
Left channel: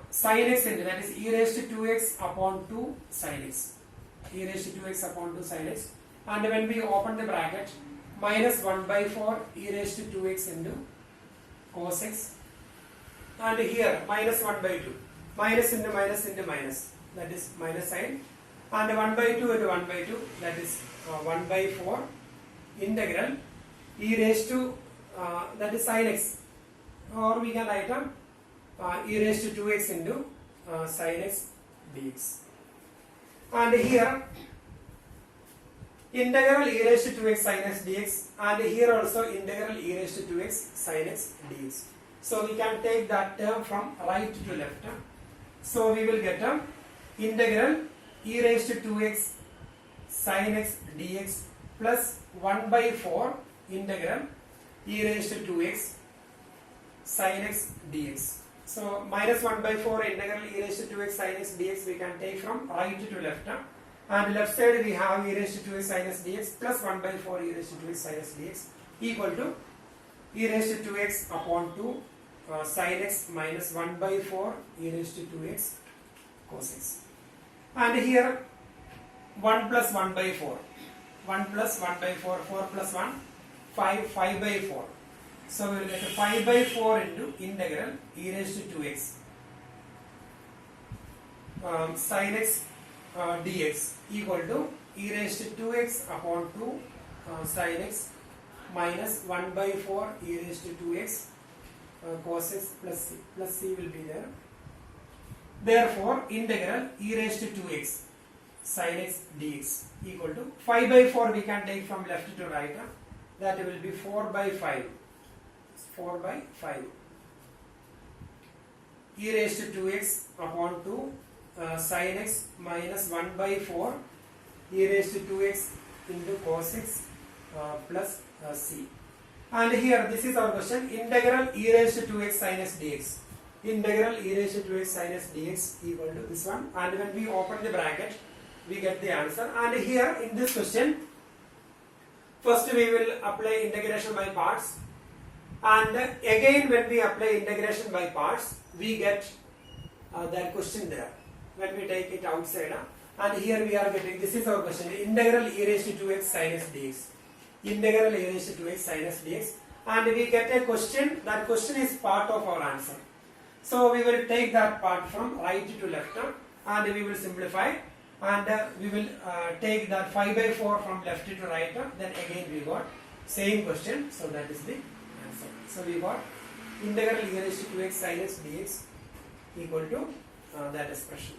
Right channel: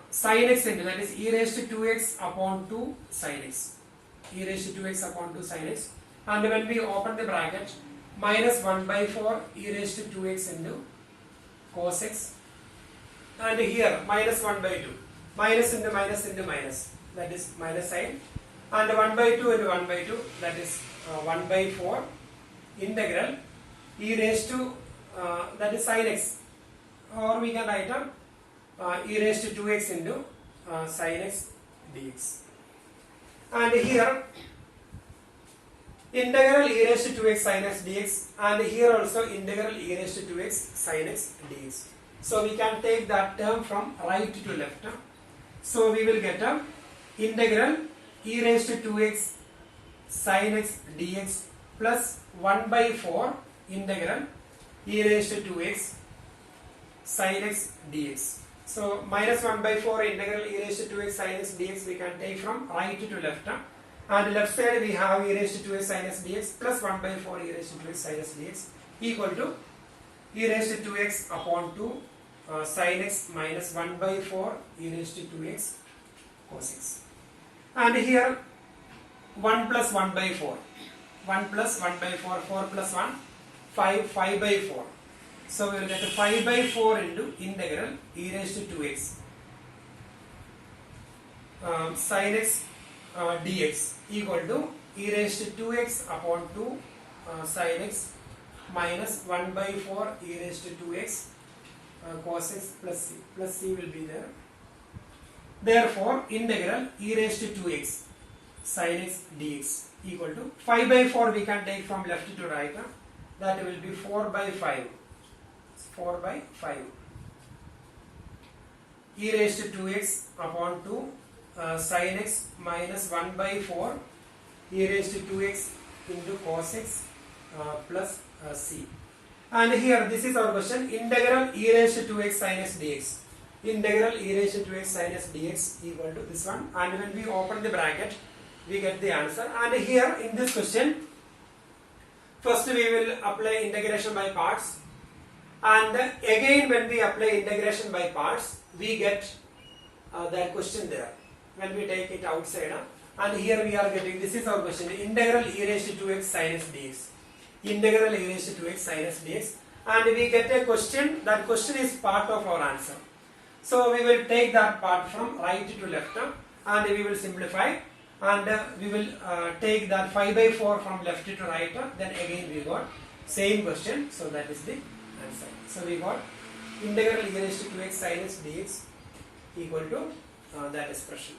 sin x into, that is e raised to 2x upon 2 sin x, e raised to 2x upon 2 sin x, and when we open the bracket, minus 1 by 4 e raised to 2x into cos x, and here minus 1 by 2, minus into minus, that is minus sign, and 1 by 2 into 1 by 2, that is 1 by 4 integral e raised to that is sin x, or we can write e raised to 2x into sin x dx, and here integral e raised to 2x sin x dx, and here also integral e raised to 2x sin x dx. So we can take that term from right to left. So we will get integral e raised to 2x sin x dx plus 1 by 4 integral e raised to 2x sin x dx. So minus 1 by 4 integral e raised to 2x sin x dx we can take from right to left. And left side we have e raised to 2x sin x dx plus 1 by 4 e raised to 2x sin x dx equal to e raised to 2x upon 2 sin x minus 1 by 4 e raised to 2x cos x. And here 1 plus 1 by 4, 1 plus 1 by 4, 4 plus 1, 5, 5 by 4. So we will get 5 by 4 into integral e raised to 2x sin x dx equal to e raised to 2x upon 2 sin x minus 1 by 4 e raised to 2x cos x plus c will be there. Therefore, integral e raised to 2x sin x dx equal to 5 by 4 we can take from left to right. That will be 4 by 5. 4 by 5 e raised to 2x upon 2 sin x minus 1 by 4 e raised to 2x into cos x plus c. And here this is our question, integral e raised to 2x sin x dx, integral e raised to 2x sin x dx equal to this one, and when we open the bracket we get the answer. And here in this question first we will apply integration by parts, and again when we apply integration by parts we get that question there when we take it outside, and here we are getting, this is our question, integral e raised to 2x sin x dx, integral e raised to 2x sin x dx, and we get a question, that question is part of our answer. So we will take that part from right to left and we will simplify, and we will take that 5 by 4 from left to right, then again we got same question, so that is the answer. So we got integral e raised to 2x sin x dx equal to that expression.